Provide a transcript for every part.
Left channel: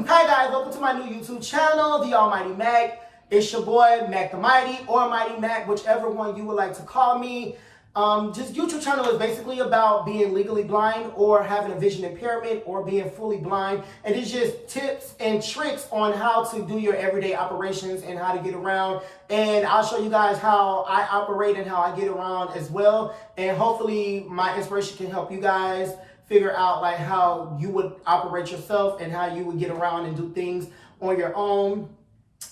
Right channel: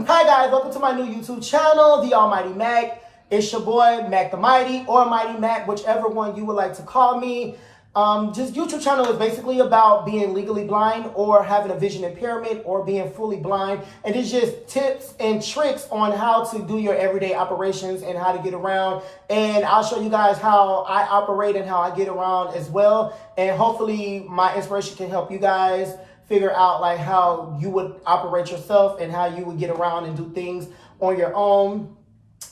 Hi guys, welcome to my new YouTube channel, The Almighty Mac. It's your boy, Mac the Mighty, or Mighty Mac, whichever one you would like to call me. Just YouTube channel is basically about being legally blind or having a vision impairment or being fully blind. And it's just tips and tricks on how to do your everyday operations and how to get around. And I'll show you guys how I operate and how I get around as well. And hopefully my inspiration can help you guys figure out like how you would operate yourself and how you would get around and do things on your own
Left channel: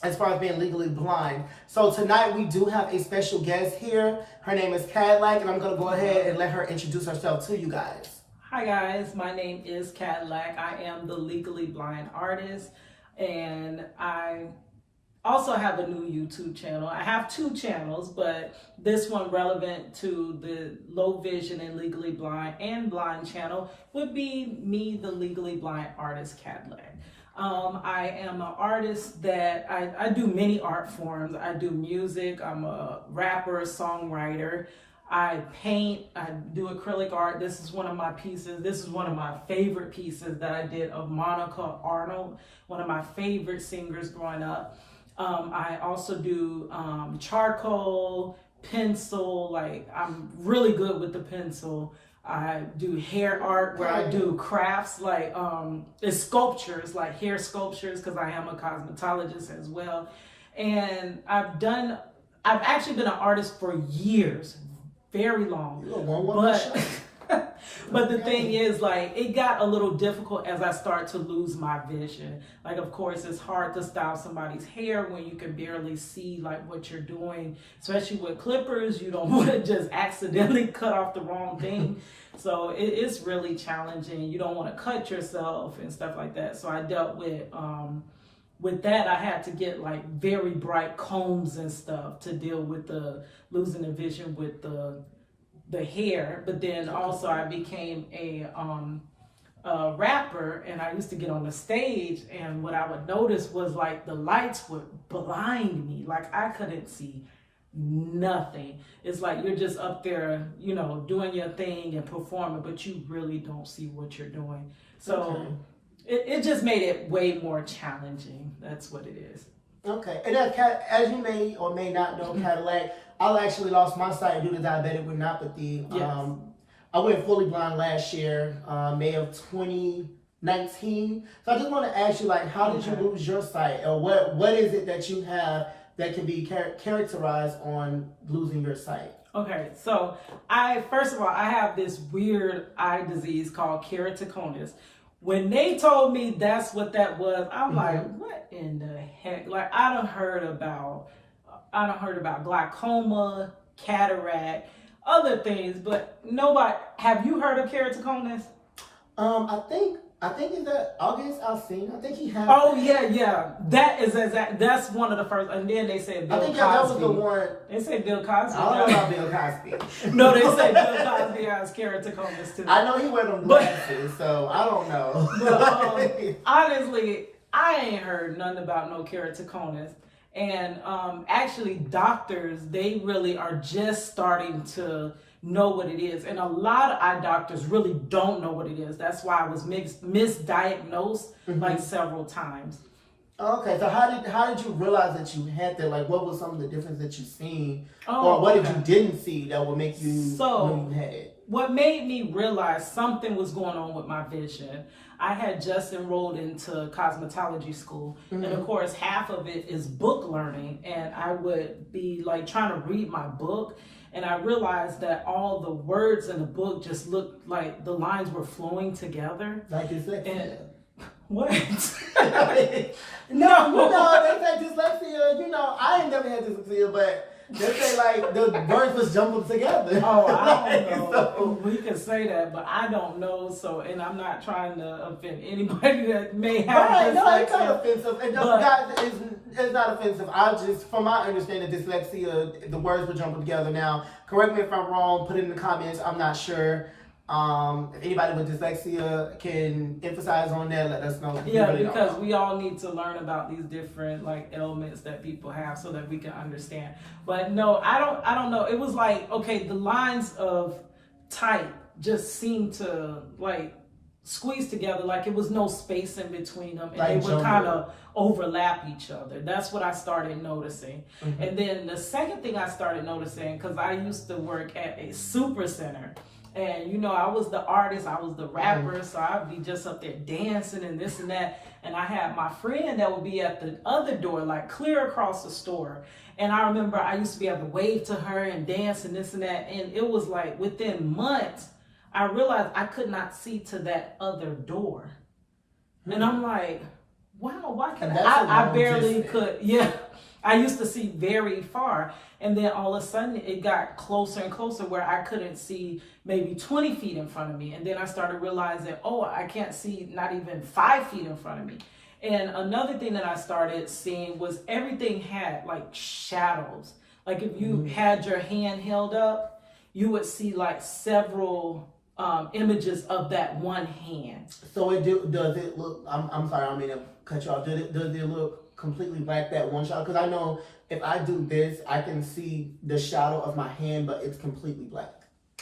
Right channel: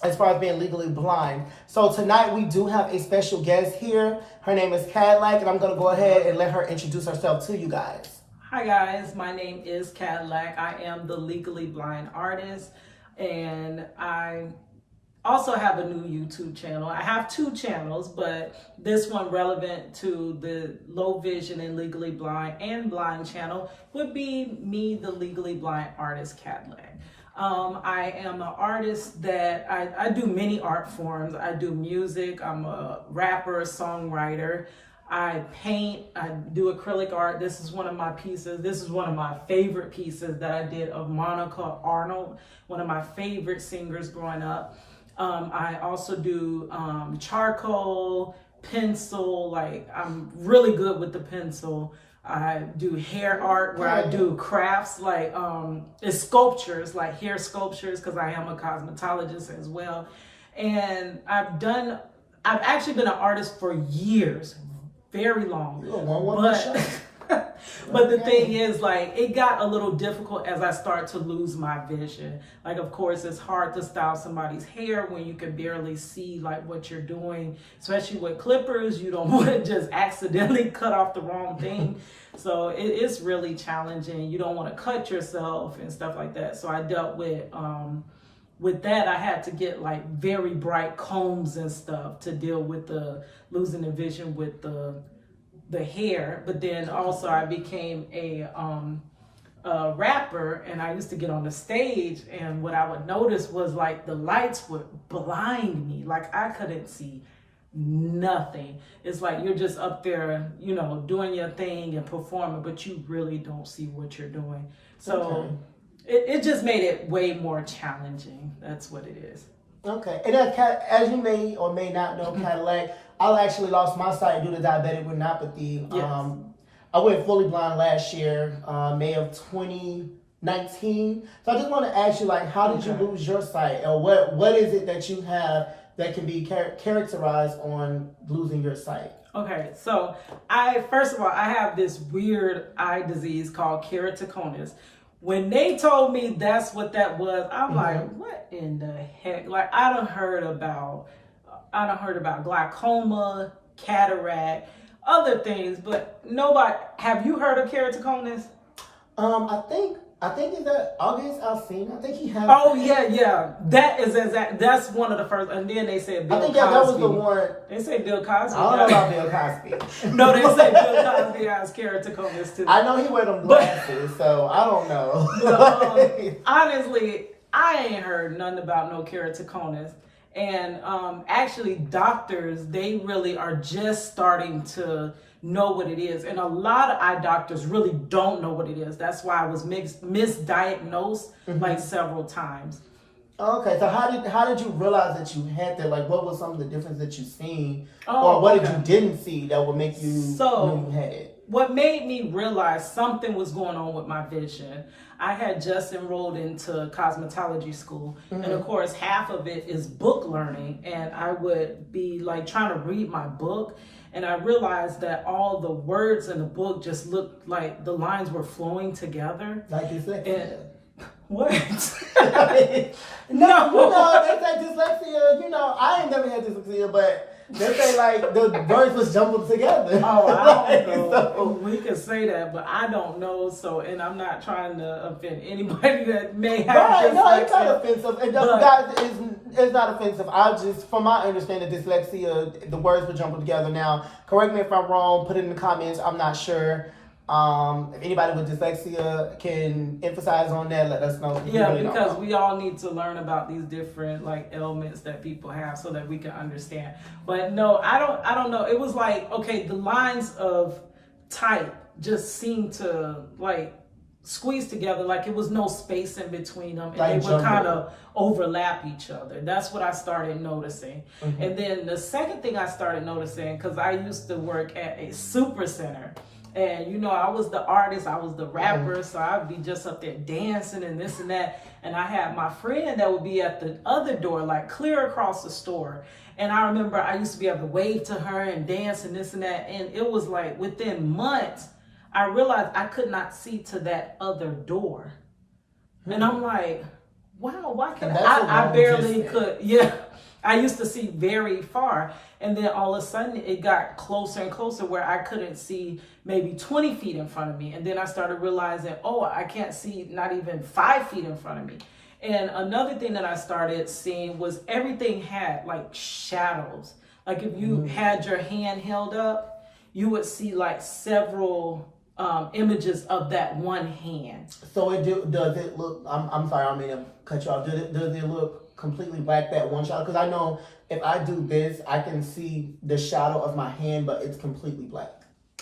as far as being legally blind. So tonight we do have a special guest here. Her name is Kadlac, and I'm going to go ahead and let her introduce herself to you guys. Hi guys, my name is Kadlac. I am the legally blind artist, and I also have a new YouTube channel. I have two channels, but this one relevant to the low vision and legally blind and blind channel would be me, the legally blind artist Kadlac. I am an artist that I do many art forms. I do music, I'm a rapper, songwriter, I paint, I do acrylic art. This is one of my pieces. This is one of my favorite pieces that I did of Monica Arnold, one of my favorite singers growing up. I also do charcoal, pencil, like I'm really good with the pencil. I do hair art where I do crafts like it's sculptures, like hair sculptures, because I am a cosmetologist as well. And I've actually been an artist for years, very long. But the thing is, like, it got a little difficult as I start to lose my vision. Like, of course, it's hard to style somebody's hair when you can barely see like what you're doing, especially with clippers. You don't want to just accidentally cut off the wrong thing. So it is really challenging. You don't want to cut yourself and stuff like that. So I dealt with that. I had to get like very bright combs and stuff to deal with the losing the vision with the hair. But then also I became a rapper, and I used to get on the stage, and what I would notice was like the lights would blind me. Like I couldn't see nothing. It's like you're just up there, you know, doing your thing and performing, but you really don't see what you're doing. So it just made it way more challenging. That's what it is. Okay, and as you may or may not know, Kadlac, I actually lost my sight due to diabetic retinopathy. Yes. I went fully blind last year, May of 2019. So I just want to ask you, like, how did you lose your sight, or what is it that you have that can be characterized on losing your sight? Okay, so first of all, I have this weird eye disease called keratoconus. When they told me that's what that was, I'm like, what in the heck? Like, I done heard about glaucoma, cataract, other things, but nobody. Have you heard of keratoconus? I think is that August Alsina. I think he had. Oh yeah. That is exact. That's one of the first. And then they said Bill Cosby. That was the one. They say Bill Cosby. I don't know about Bill Cosby. No, they say Bill Cosby has keratoconus too. I know he wear them glasses, so I don't know. But, honestly, I ain't heard nothing about no keratoconus. And actually, doctors, they really are just starting to know what it is. And a lot of eye doctors really don't know what it is. That's why I was misdiagnosed like several times. Okay, so how did you realize that you had that? Like, what was some of the difference that you seen, or what did you didn't see that would make you know you had it? What made me realize something was going on with my vision, I had just enrolled into cosmetology school. And of course, half of it is book learning. And I would be like trying to read my book. And I realized that all the words in the book just looked like the lines were flowing together. Like dyslexia. What? No, they say dyslexia. You know, I ain't never had dyslexia, but they say like the words was jumbled together. Oh, I don't know. So, we can say that, but I don't know. So, and I'm not trying to offend anybody that may have dyslexia. No, it's not offensive. Guys, it's not offensive. I just, from my understanding, dyslexia, the words were jumbled together. Now, correct me if I'm wrong. Put it in the comments. I'm not sure. If anybody with dyslexia can emphasize on that, let us know. Yeah, because we all need to learn about these different like ailments that people have so that we can understand. But no, I don't know. It was like, okay, the lines of type just seemed to like squeezed together, like it was no space in between them, and like they would kind of overlap each other. That's what I started noticing. And then the second thing I started noticing, because I used to work at a super center, and you know, I was the artist, I was the rapper, so I'd be just up there dancing and this and that. And I had my friend that would be at the other door, like clear across the store. And I remember I used to be able to wave to her and dance and this and that. And it was like within months, I realized I could not see to that other door. And I'm like, wow, why can't I barely could. Yeah, I used to see very far. And then all of a sudden it got closer and closer where I couldn't see maybe 20 feet in front of me. And then I started realizing, oh, I can't see not even 5 feet in front of me. And another thing that I started seeing was everything had like shadows. Like if you had your hand held up, you would see like several images of that one hand. So does it look, I'm sorry, I mean to cut you off. Does it look completely black, that one shadow? Because I know if I do this, I can see the shadow of my hand, but it's completely black.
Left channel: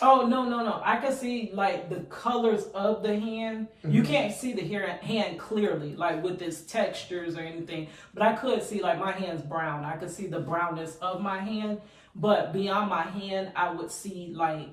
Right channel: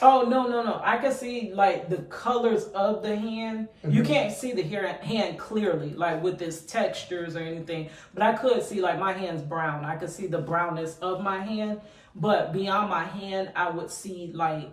Oh, no. I can see like the colors of the hand. You can't see the hand clearly, like with its textures or anything. But I could see like my hand's brown. I could see the brownness of my hand. But beyond my hand, I would see like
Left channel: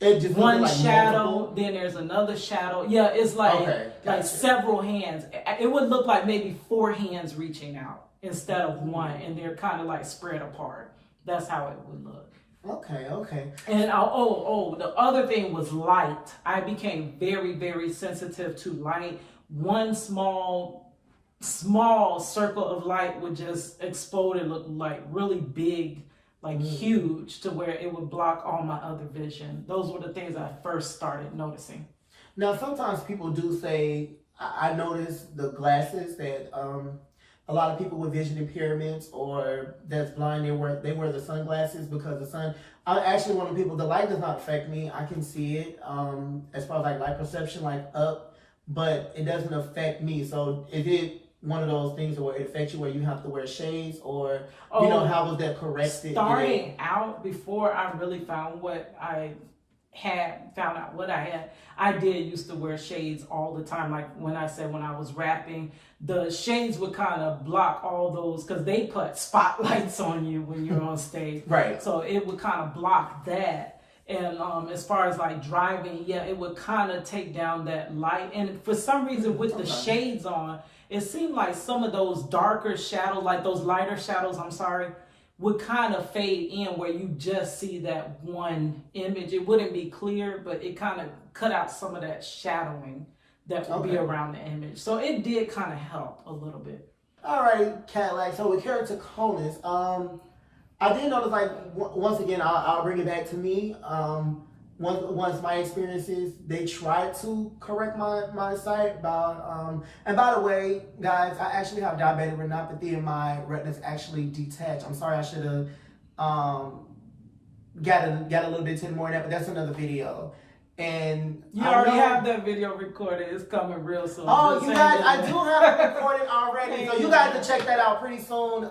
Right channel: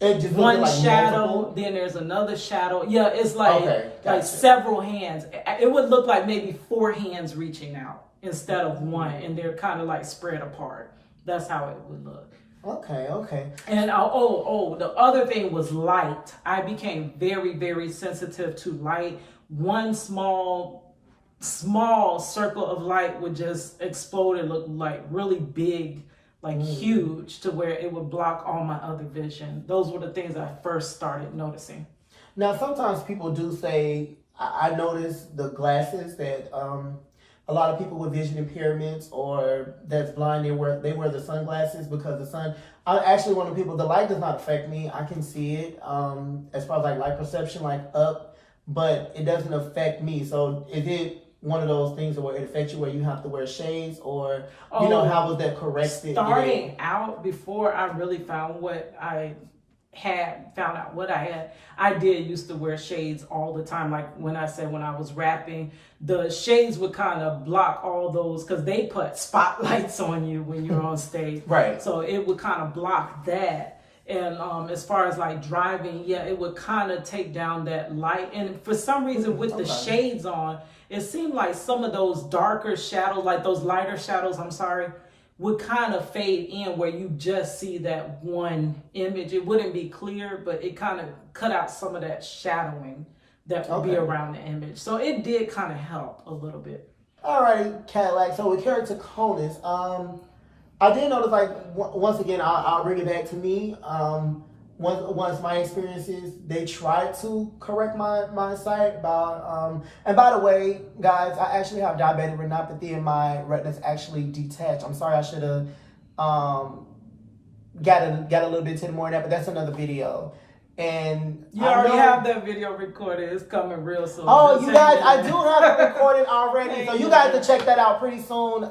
one shadow, multiple. Then there's another shadow. Yeah, it's like like several hands. It would look like maybe 4 hands reaching out instead of one, and they're kind of like spread apart. That's how it would look. Okay. And the other thing was light. I became very, very sensitive to light. One small circle of light would just explode and look like really big, like huge, to where it would block all my other vision. Those were the things I first started noticing. Now, sometimes people do say, I noticed the glasses that a lot of people with vision impairments or that's blind, they wear the sunglasses because the sun. I'm actually one of the people, the light does not affect me. I can see it as far as like light perception, like up, but it doesn't affect me. So is it one of those things where it affects you where you have to wear shades, or you know, how was that corrected? Starting out, before I really found out what I had, I did used to wear shades all the time. Like when I was rapping, the shades would kind of block all those, because they put spotlights on you when you're on stage. Right. So it would kind of block that. And as far as like driving, yeah, it would kind of take down that light. And for some reason with the shades on, it seemed like some of those darker shadows, like those lighter shadows, would kind of fade in where you just see that one image. It wouldn't be clear, but it kind of cut out some of that shadowing that would be around the image. So it did kind of help a little bit. All right, Kadlac. So with keratoconus, I did notice, like, once again, I'll bring it back to me. Once my experiences, they tried to correct my sight by, and by the way, guys, I actually have diabetic retinopathy and my retina's actually detached. I'm sorry, I should have got a little bit more in that, but that's another video. And you already have that video recorded. It's coming real soon. Oh, you guys, I do have it recorded already. So you guys can check that out pretty soon.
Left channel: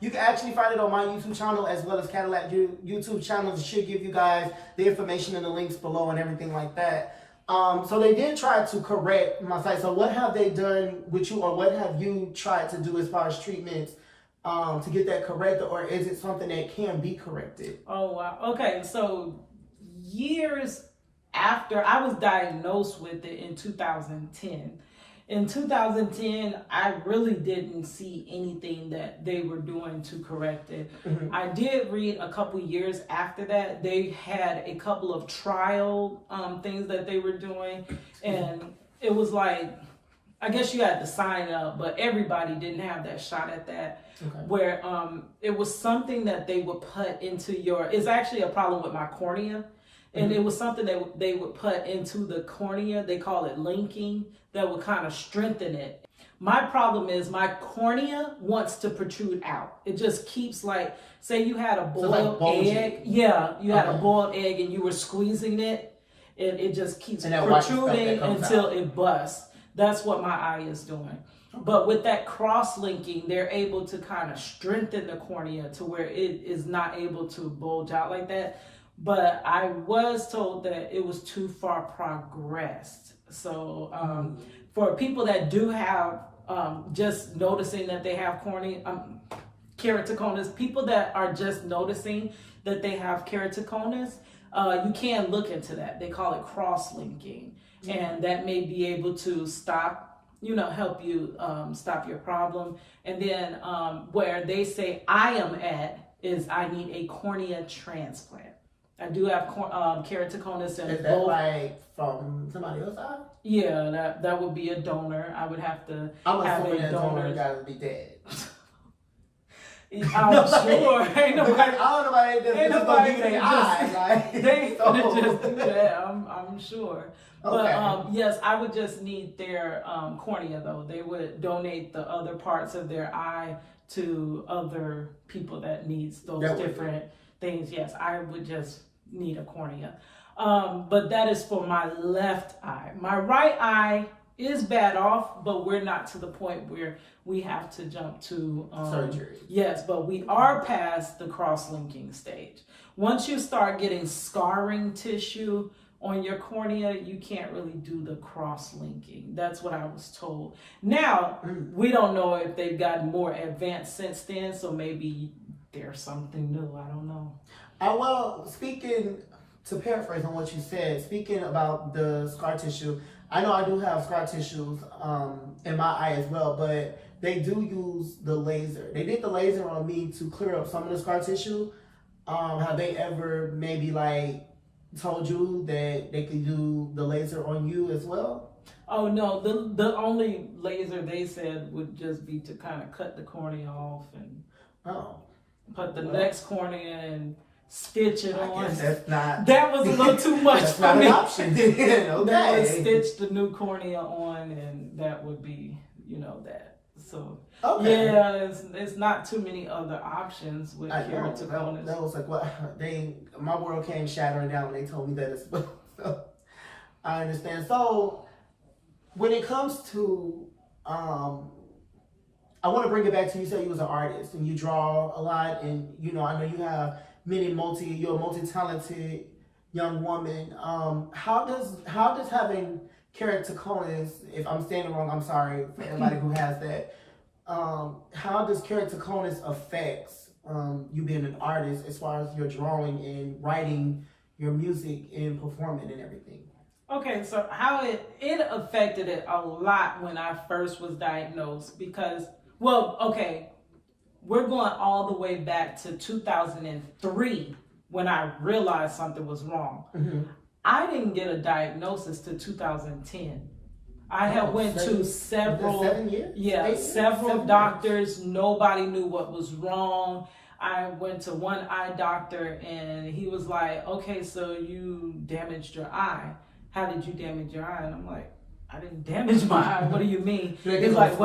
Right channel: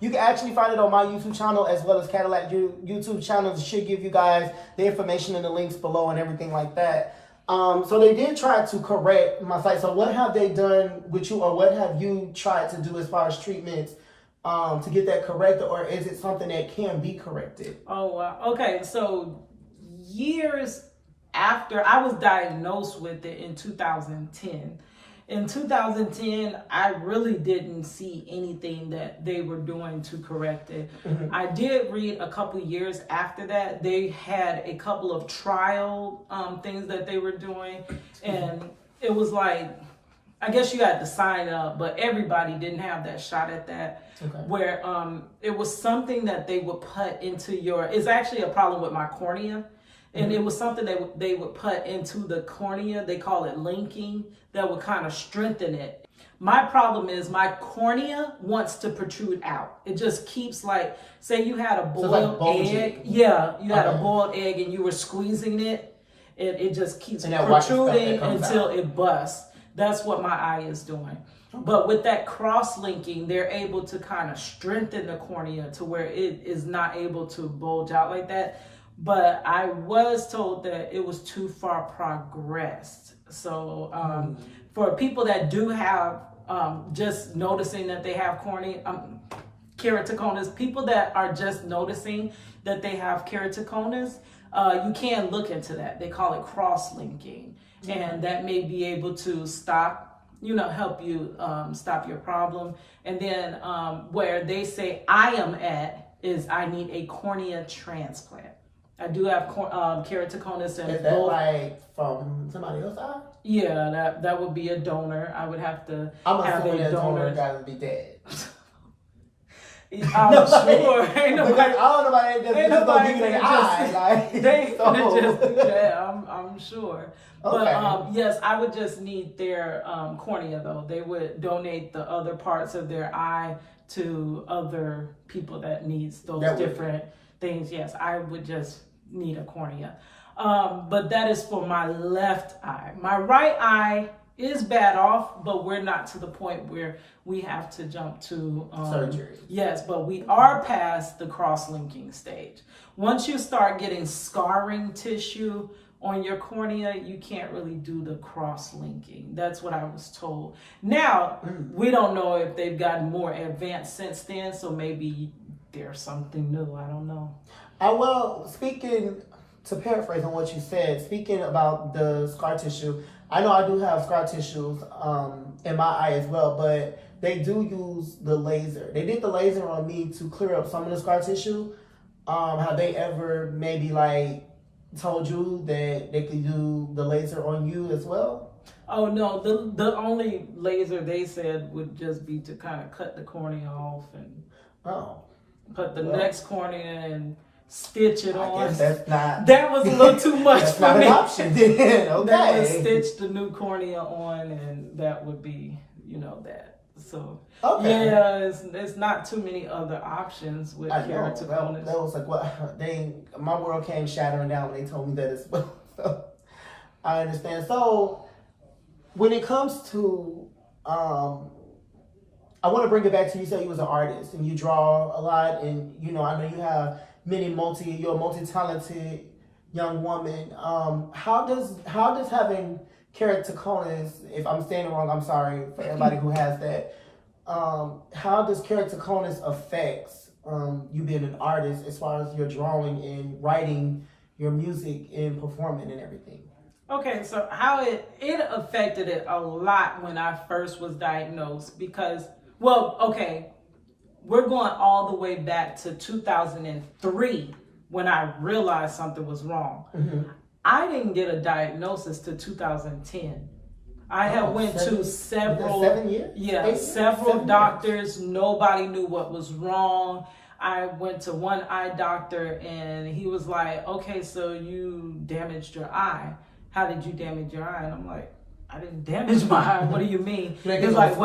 You can actually find it on my YouTube channel as well as Kadlac YouTube channel. It should give you guys the information in the links below and everything like that. So they did try to correct my sight. So what have they done with you, or what have you tried to do as far as treatments to get that corrected, or is it something that can be corrected? Oh, wow. Okay, so years after I was diagnosed with it in 2010. In 2010, I really didn't see anything that they were doing to correct it. I did read a couple years after that, they had a couple of trial things that they were doing. And it was like, I guess you had to sign up, but everybody didn't have that shot at that. Where it was something that they would put into it's actually a problem with my cornea. And it was something they would put into the cornea. They call it linking, that would kind of strengthen it. My problem is my cornea wants to protrude out. It just keeps, like, say you had a boiled egg. Yeah, you had a boiled egg and you were squeezing it. It just keeps protruding until it busts. That's what my eye is doing. But with that cross-linking, they're able to kind of strengthen the cornea to where it is not able to bulge out like that. but I was told that it was too far progressed. So for people that do have just noticing that they have keratoconus, people that are just noticing that they have keratoconus, you can look into that. They call it cross-linking, and that may be able to help you stop your problem. And then where they say I am at is I need a cornea transplant. I do have keratoconus in both. Is that like from somebody else's eye? Yeah, that would be a donor. I would have to have a donor. That would be dead. I'm sure. Ain't nobody. Ain't nobody give you their eye. They ain't gonna just do that. I'm sure. Okay. But yes, I would just need their cornea though. They would donate the other parts of their eye to other people that needs those different things. Yes, I would just need a cornea. But that is for my left eye. My right eye is bad off, but we're not to the point where we have to jump to surgery. Yes, but we are past the cross-linking stage. Once you start getting scarring tissue on your cornea, you can't really do the cross-linking. That's what I was told. Now, we don't know if they've gotten more advanced since then, so maybe there's something new. I don't know. Well, to paraphrase on what you said, speaking about the scar tissue, I know I do have scar tissues in my eye as well, but they do use the laser. They did the laser on me to clear up some of the scar tissue. Have they ever maybe like told you that they could do the laser on you as well? Oh no, the only laser they said would just be to kind of cut the cornea off and put the next cornea and stitch it on. Guess that's not. That was a little too much that's for not me. An option. Okay. They would stitch the new cornea on, and that would be, that. So yeah, it's not too many other options with keratoconus. That was like what my world came shattering down when they told me that as well. So I understand. So when it comes to I want to bring it back to you said you was an artist and you draw a lot, and I know you have you're a multi-talented young woman. How does having keratoconus, if I'm saying it wrong, I'm sorry for everybody who has that. How does keratoconus affect you being an artist as far as your drawing and writing your music and performing and everything? Okay, so how it affected it a lot when I first was diagnosed because, we're going all the way back to 2003 when I realized something was wrong. Mm-hmm. I didn't get a diagnosis to 2010. I had went to several, 7 years? Several doctors. Nobody knew what was wrong. I went to one eye doctor and he was like, okay, so you damaged your eye. How did you damage your eye? And I'm like, I didn't damage my eye. What do you mean? He's like,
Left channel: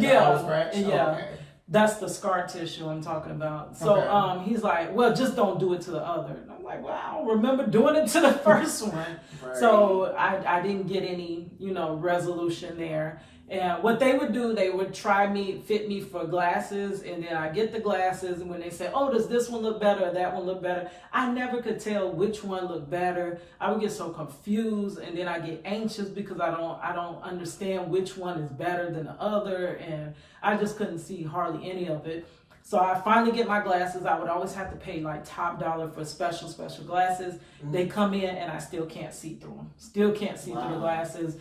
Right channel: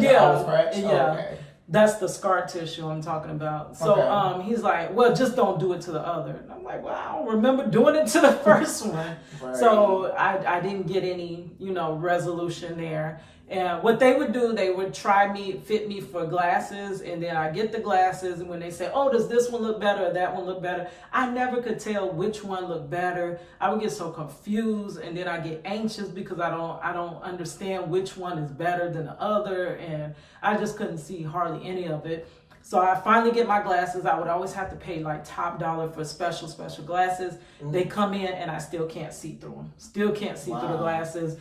yeah. Okay. That's the scar tissue I'm talking about. So he's like, well, just don't do it to the other. And I'm like, well, I don't remember doing it to the first one. Right. So I didn't get any, resolution there. And what they would do, they would fit me for glasses, and then I get the glasses, and when they say, oh, does this one look better or that one look better? I never could tell which one looked better. I would get so confused, and then I get anxious because I don't understand which one is better than the other, and I just couldn't see hardly any of it. So I finally get my glasses. I would always have to pay like top dollar for special glasses. Mm-hmm. They come in and I still can't see through them. Still can't see through the glasses.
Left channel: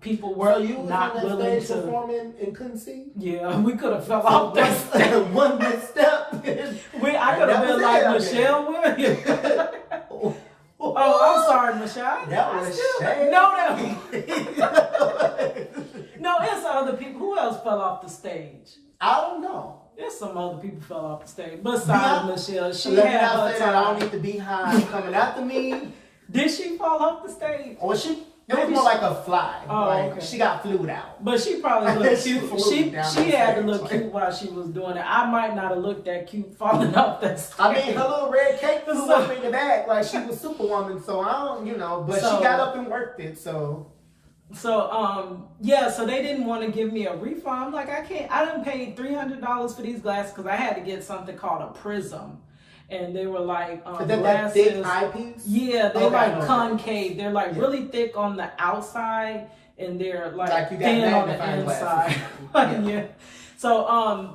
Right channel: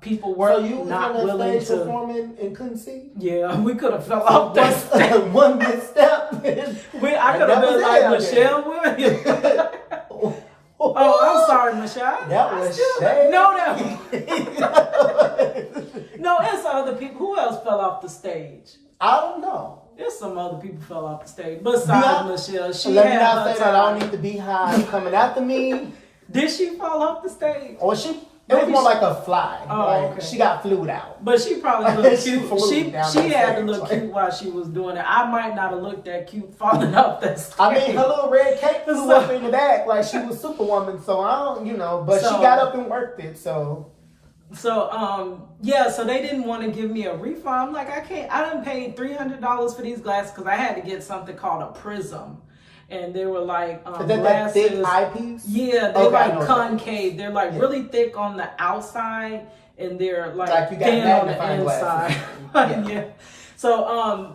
People were not willing to performing and couldn't see. Yeah, we could have fell off that stage. One misstep. I could have been like Michelle Williams. Oh, I'm sorry, Michelle. That was shame. No, it's other people. Who else fell off the stage? I don't know. There's some other people fell off the stage. Besides Michelle, she let had me not her say time. that I don't need to be high coming after me. Did she fall off the stage? Or it was more like a fly. Okay. She got flued out. But she probably looked cute. She had to look like, cute while she was doing it. I might not have looked that cute falling off that stage. I mean, her little red cape flew up in the back like she was Superwoman. So I don't, but she got up and worked it. So they didn't want to give me a refund. I'm like, I done paid $300 for these glasses because I had to get something called a prism. and they were like Is that glasses. that thick eyepiece? Yeah, they Okay, like concave. They're like really thick on the outside, and they're like thin on the inside. Yeah. So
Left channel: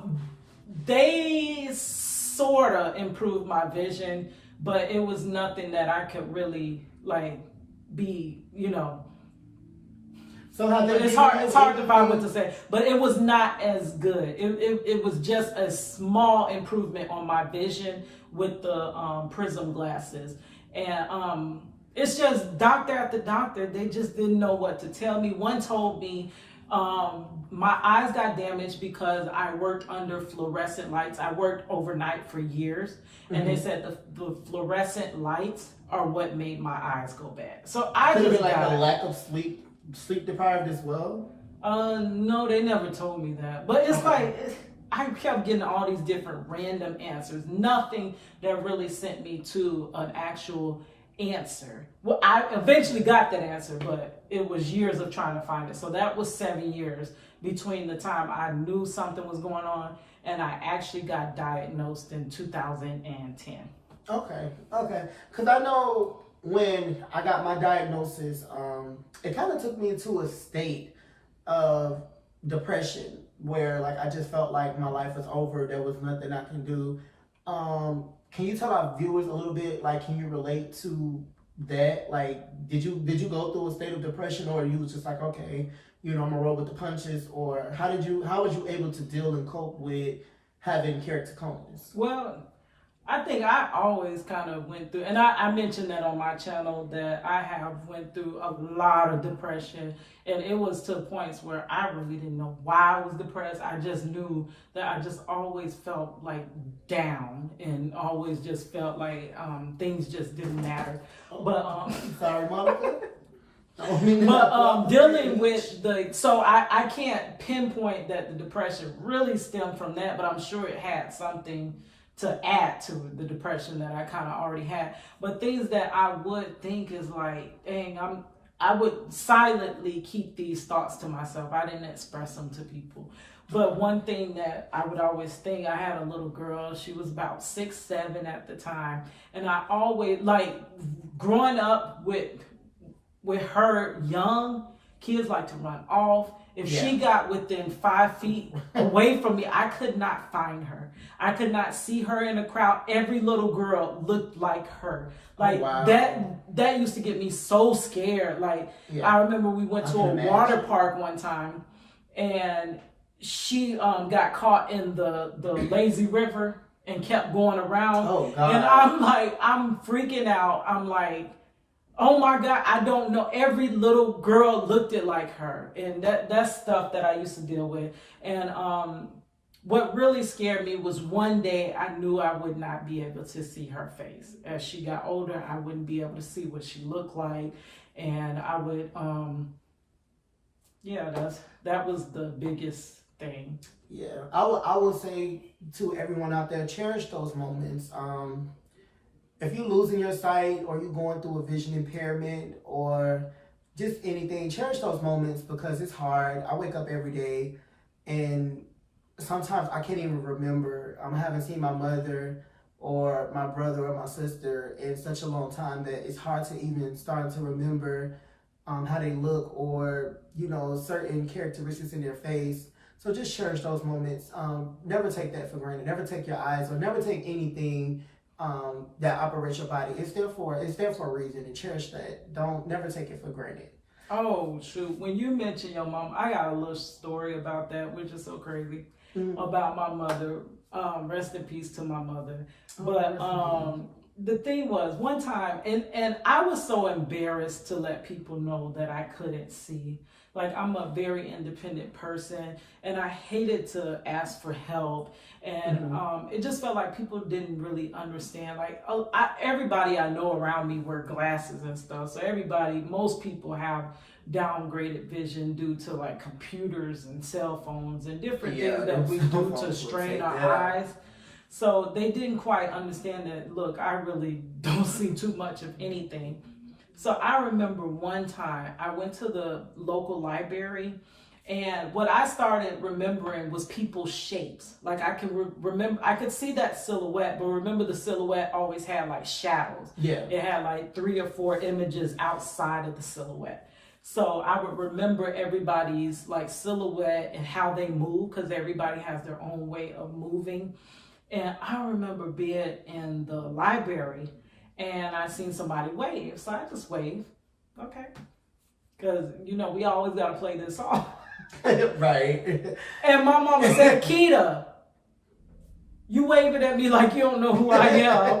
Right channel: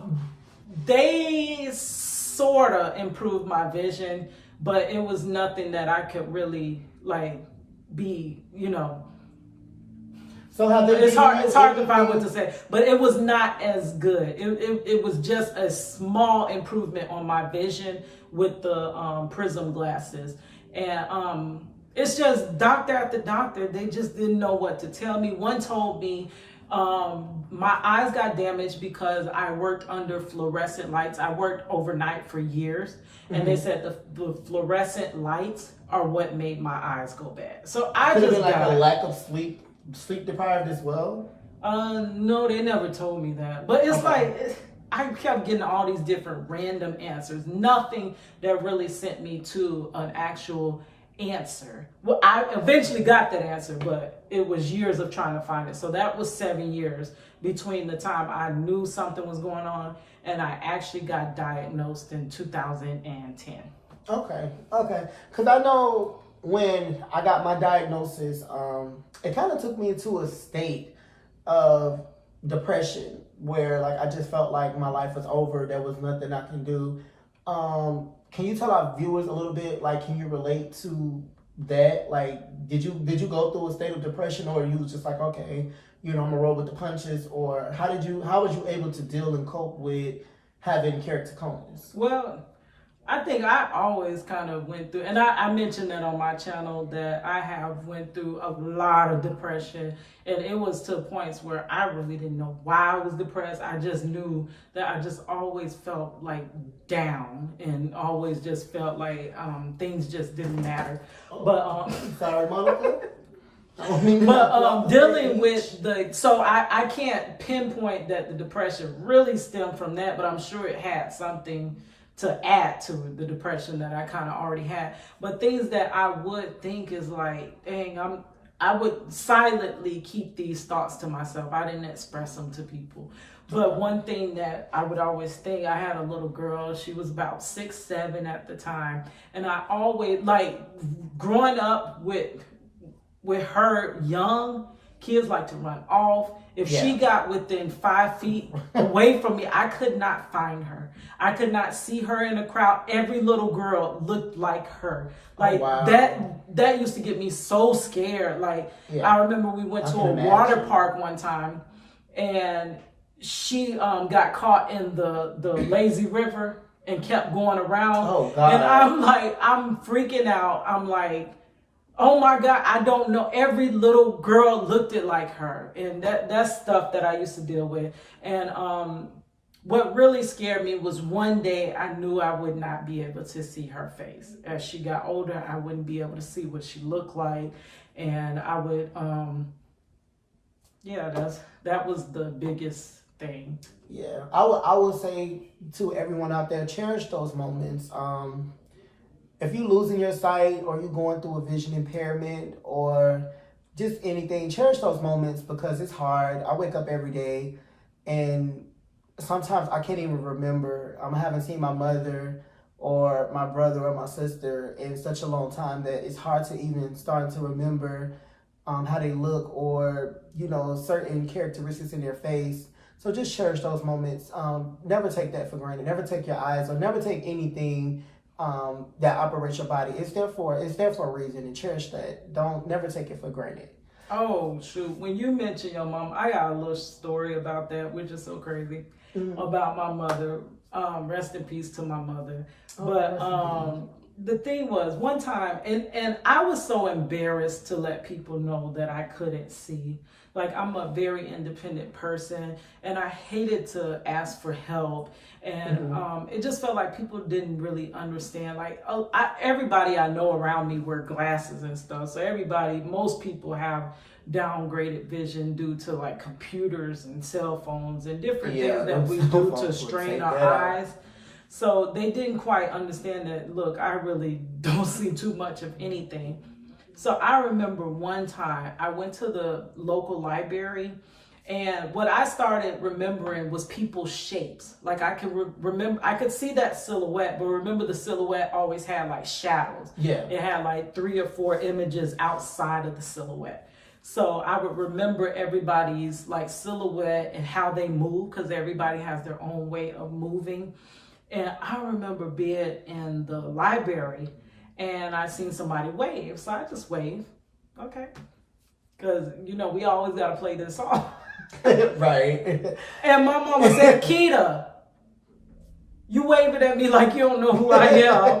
they sorta improved my vision, but it was nothing that I could really like be, you know. So how it's hard to find what to say, but it was not as good. It was just a small improvement on my vision with the prism glasses. And it's just doctor after doctor, they just didn't know what to tell me. One told me my eyes got damaged because I worked under fluorescent lights. I worked overnight for years, and they said the fluorescent lights are what made my eyes go bad. So I Could just have been got like a lack of sleep deprived as well. No, they never told me that. But it's like I kept getting all these different random answers. Nothing that really sent me to an actual answer. Well, I eventually got that answer, but it was years of trying to find it. So that was 7 years between the time I knew something was going on and I actually got diagnosed in 2010. Okay. Because I know when I got my diagnosis, it kind of took me into a state of depression where like I just felt like my life was over. There was nothing I can do. Can you tell our viewers a little bit, like, can you relate to that? Like, did you go through a state of depression, or you was just like, okay, you know, I'm gonna roll with the punches, or how was you able to deal and cope with having keratoconus? Well, I think I always kind of went through, and I mentioned that on my channel, that I have went through a lot of depression, and it was to points where I really didn't know why I was depressed. I just knew that I just always felt like down, and always just felt like things just didn't matter. But sorry, Monica. But dealing with so I can't pinpoint that the depression really stemmed from that, but I'm sure it had something to add to the depression that I kind of already had. But things that I would think is like, dang, I would silently keep these thoughts to myself. I didn't express them to people. But one thing that I would always think, I had a little girl, she was about 6, 7 at the time. And I always, like, growing up with her young, kids like to run off. If she got within 5 feet away from me, I could not find her. I could not see her in a crowd. Every little girl looked like her. Like that used to get me so scared. Like I remember we went to a water park one time, and she got caught in the lazy river and kept going around. Oh God. And I'm freaking out. I'm like, oh my God, I don't know. Every little girl looked like her. And that's stuff that I used to deal with. And what really scared me was one day I knew I would not be able to see her face. As she got older, I wouldn't be able to see what she looked like. And I would, that was the biggest thing. Yeah, I would say to everyone out there, cherish those moments. If you losing your sight, or you going through a vision impairment, or just anything, cherish those moments, because it's hard. I wake up every day and sometimes I can't even remember. I haven't seen my mother or my brother or my sister in such a long time that it's hard to even start to remember how they look, or, you know, certain characteristics in their face. So just cherish those moments. Never take that for granted. Never take your eyes, or never take anything that operates your body. It's there for a reason, and cherish that. Never take it for granted. Oh shoot, when you mention your mom, I got a little story about that, which is so crazy, about my mother. Rest in peace to my mother. But the thing was, one time, and I was so embarrassed to let people know that I couldn't see. Like, I'm a very independent person, and I hated to ask for help. And it just felt like people didn't really understand. Like, everybody I know around me wear glasses and stuff. So most people have downgraded vision due to like computers and cell phones and different things that we do to strain our eyes. So they didn't quite understand that, look, I really don't see too much of anything. So I remember one time I went to the local library, And what I started remembering was people's shapes. Like I can remember, I could see that silhouette, but remember the silhouette always had like shadows. Yeah. It had like 3 or 4 images outside of the silhouette. So I would remember everybody's like silhouette and how they move, because everybody has their own way of moving. And I remember being in the library and I seen somebody wave. So I just waved. Okay. Because, you know, we always got to play this song. Right. And my mama said, Keita, you waving at me like you don't know who I am.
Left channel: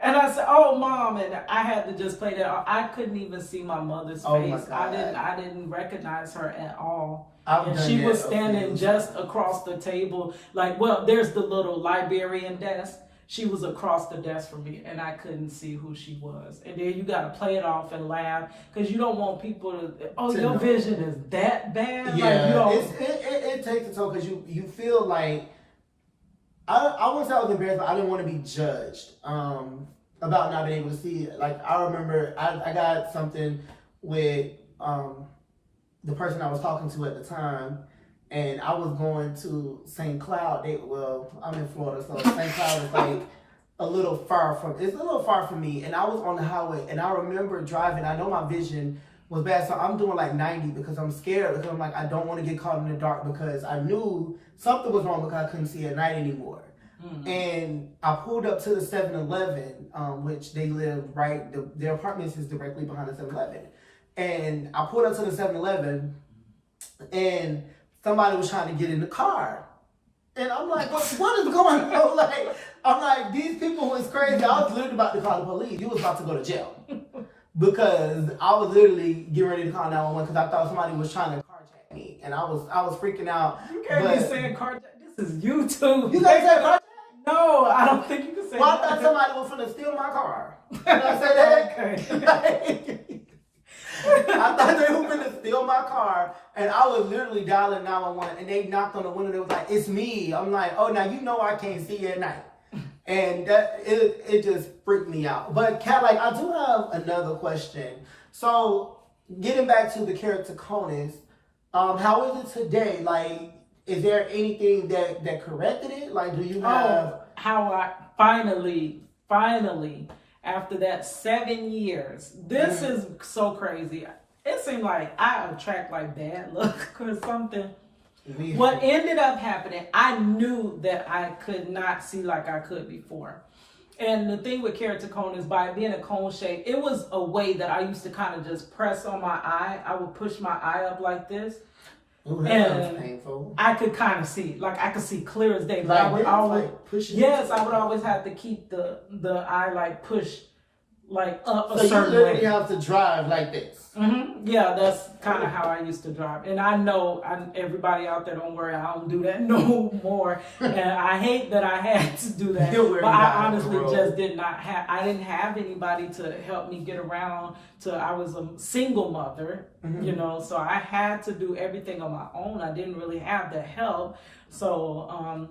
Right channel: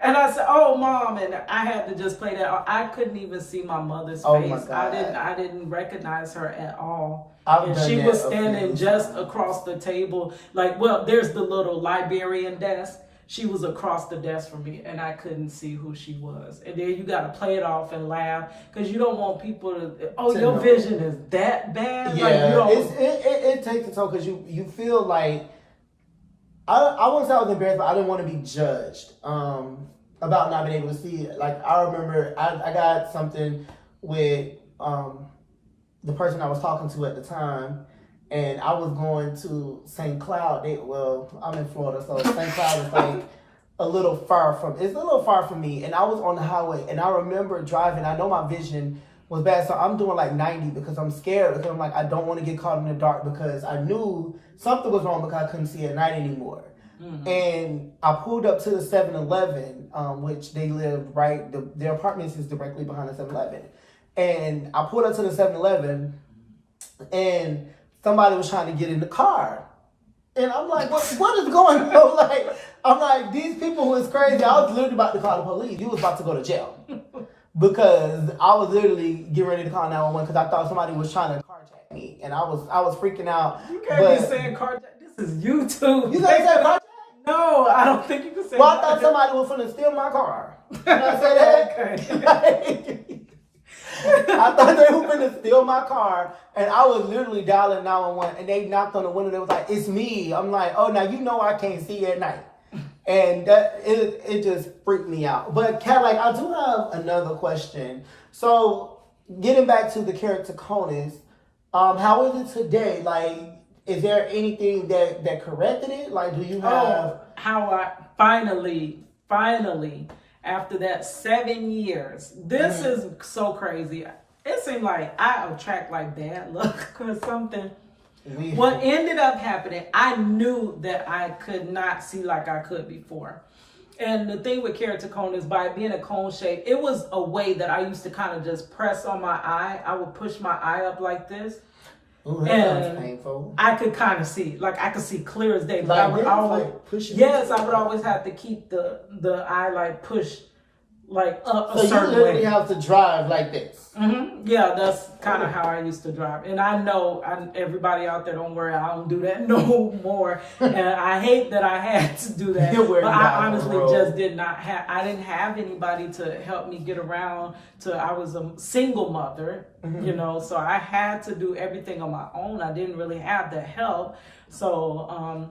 And I said, oh, Mom. And I had to just play that. I couldn't even see my mother's Oh face. my God. I didn't recognize her at all. I've And done she that was a standing few just times. across the table. Like, well, there's the little librarian desk. She was across the desk from me, and I couldn't see who she was. And then you got to play it off and laugh, because you don't want people to, oh, your vision is that bad? Yeah, like, you don't, it takes a toll, because you feel like, I wouldn't say I was embarrassed, but I didn't want to be judged about not being able to see it. Like, I remember I got something with the person I was talking to at the time, and I was going to St. Cloud. I'm in Florida, so St. Cloud is like a little far from me. And I was on the highway, and I remember driving. I know my vision was bad, so I'm doing like 90 because I'm scared, because I'm like, I don't want to get caught in the dark, because I knew something was wrong because I couldn't see at night anymore. Mm-hmm. And I pulled up to the 7-Eleven, which they live right, their apartments is directly behind the 7-Eleven. And I pulled up to the 7-Eleven, and somebody was trying to get in the car. And I'm like, what is going on? Like, I'm like, these people who is crazy. I was literally about to call the police. You was about to go to jail. Because I was literally getting ready to call 911 because I thought somebody was trying to carjack me. And I was freaking out. You can't be saying carjack. This is YouTube. You guys say carjack? No, I don't think you can say Well, I thought somebody was finna steal my car. Can I say that? Okay. I thought they were going to steal my car, and I was literally dialing 911, and they knocked on the window. They was like, "It's me." I'm like, "Oh, now you know I can't see at night," and that it just freaked me out. But Kadlac, I do have another question. So, getting back to the character Conus, how is it today? Like, is there anything that corrected it? Like, do you have how I finally. After that 7 years, this is so crazy. It seemed like I attract like bad luck or something. What ended up happening, I knew that I could not see like I could before. And the thing with keratoconus is, by being a cone shape, it was a way that I used to kind of just press on my eye. I would push my eye up like this. Ooh, that sounds painful. I could kind of see, like I could see clear as day. But like I would always, I would up. always have to keep the eye like pushed like up so a certain way. So you literally have to drive like this. Mm-hmm. Yeah, that's kind of how I used to drive. And I know everybody out there, don't worry, I don't do that no more. And I hate that I had to do that. But I honestly just did not have, I didn't have anybody to help me get around I was a single mother, you know, so I had to do everything on my own. I didn't really have the help. So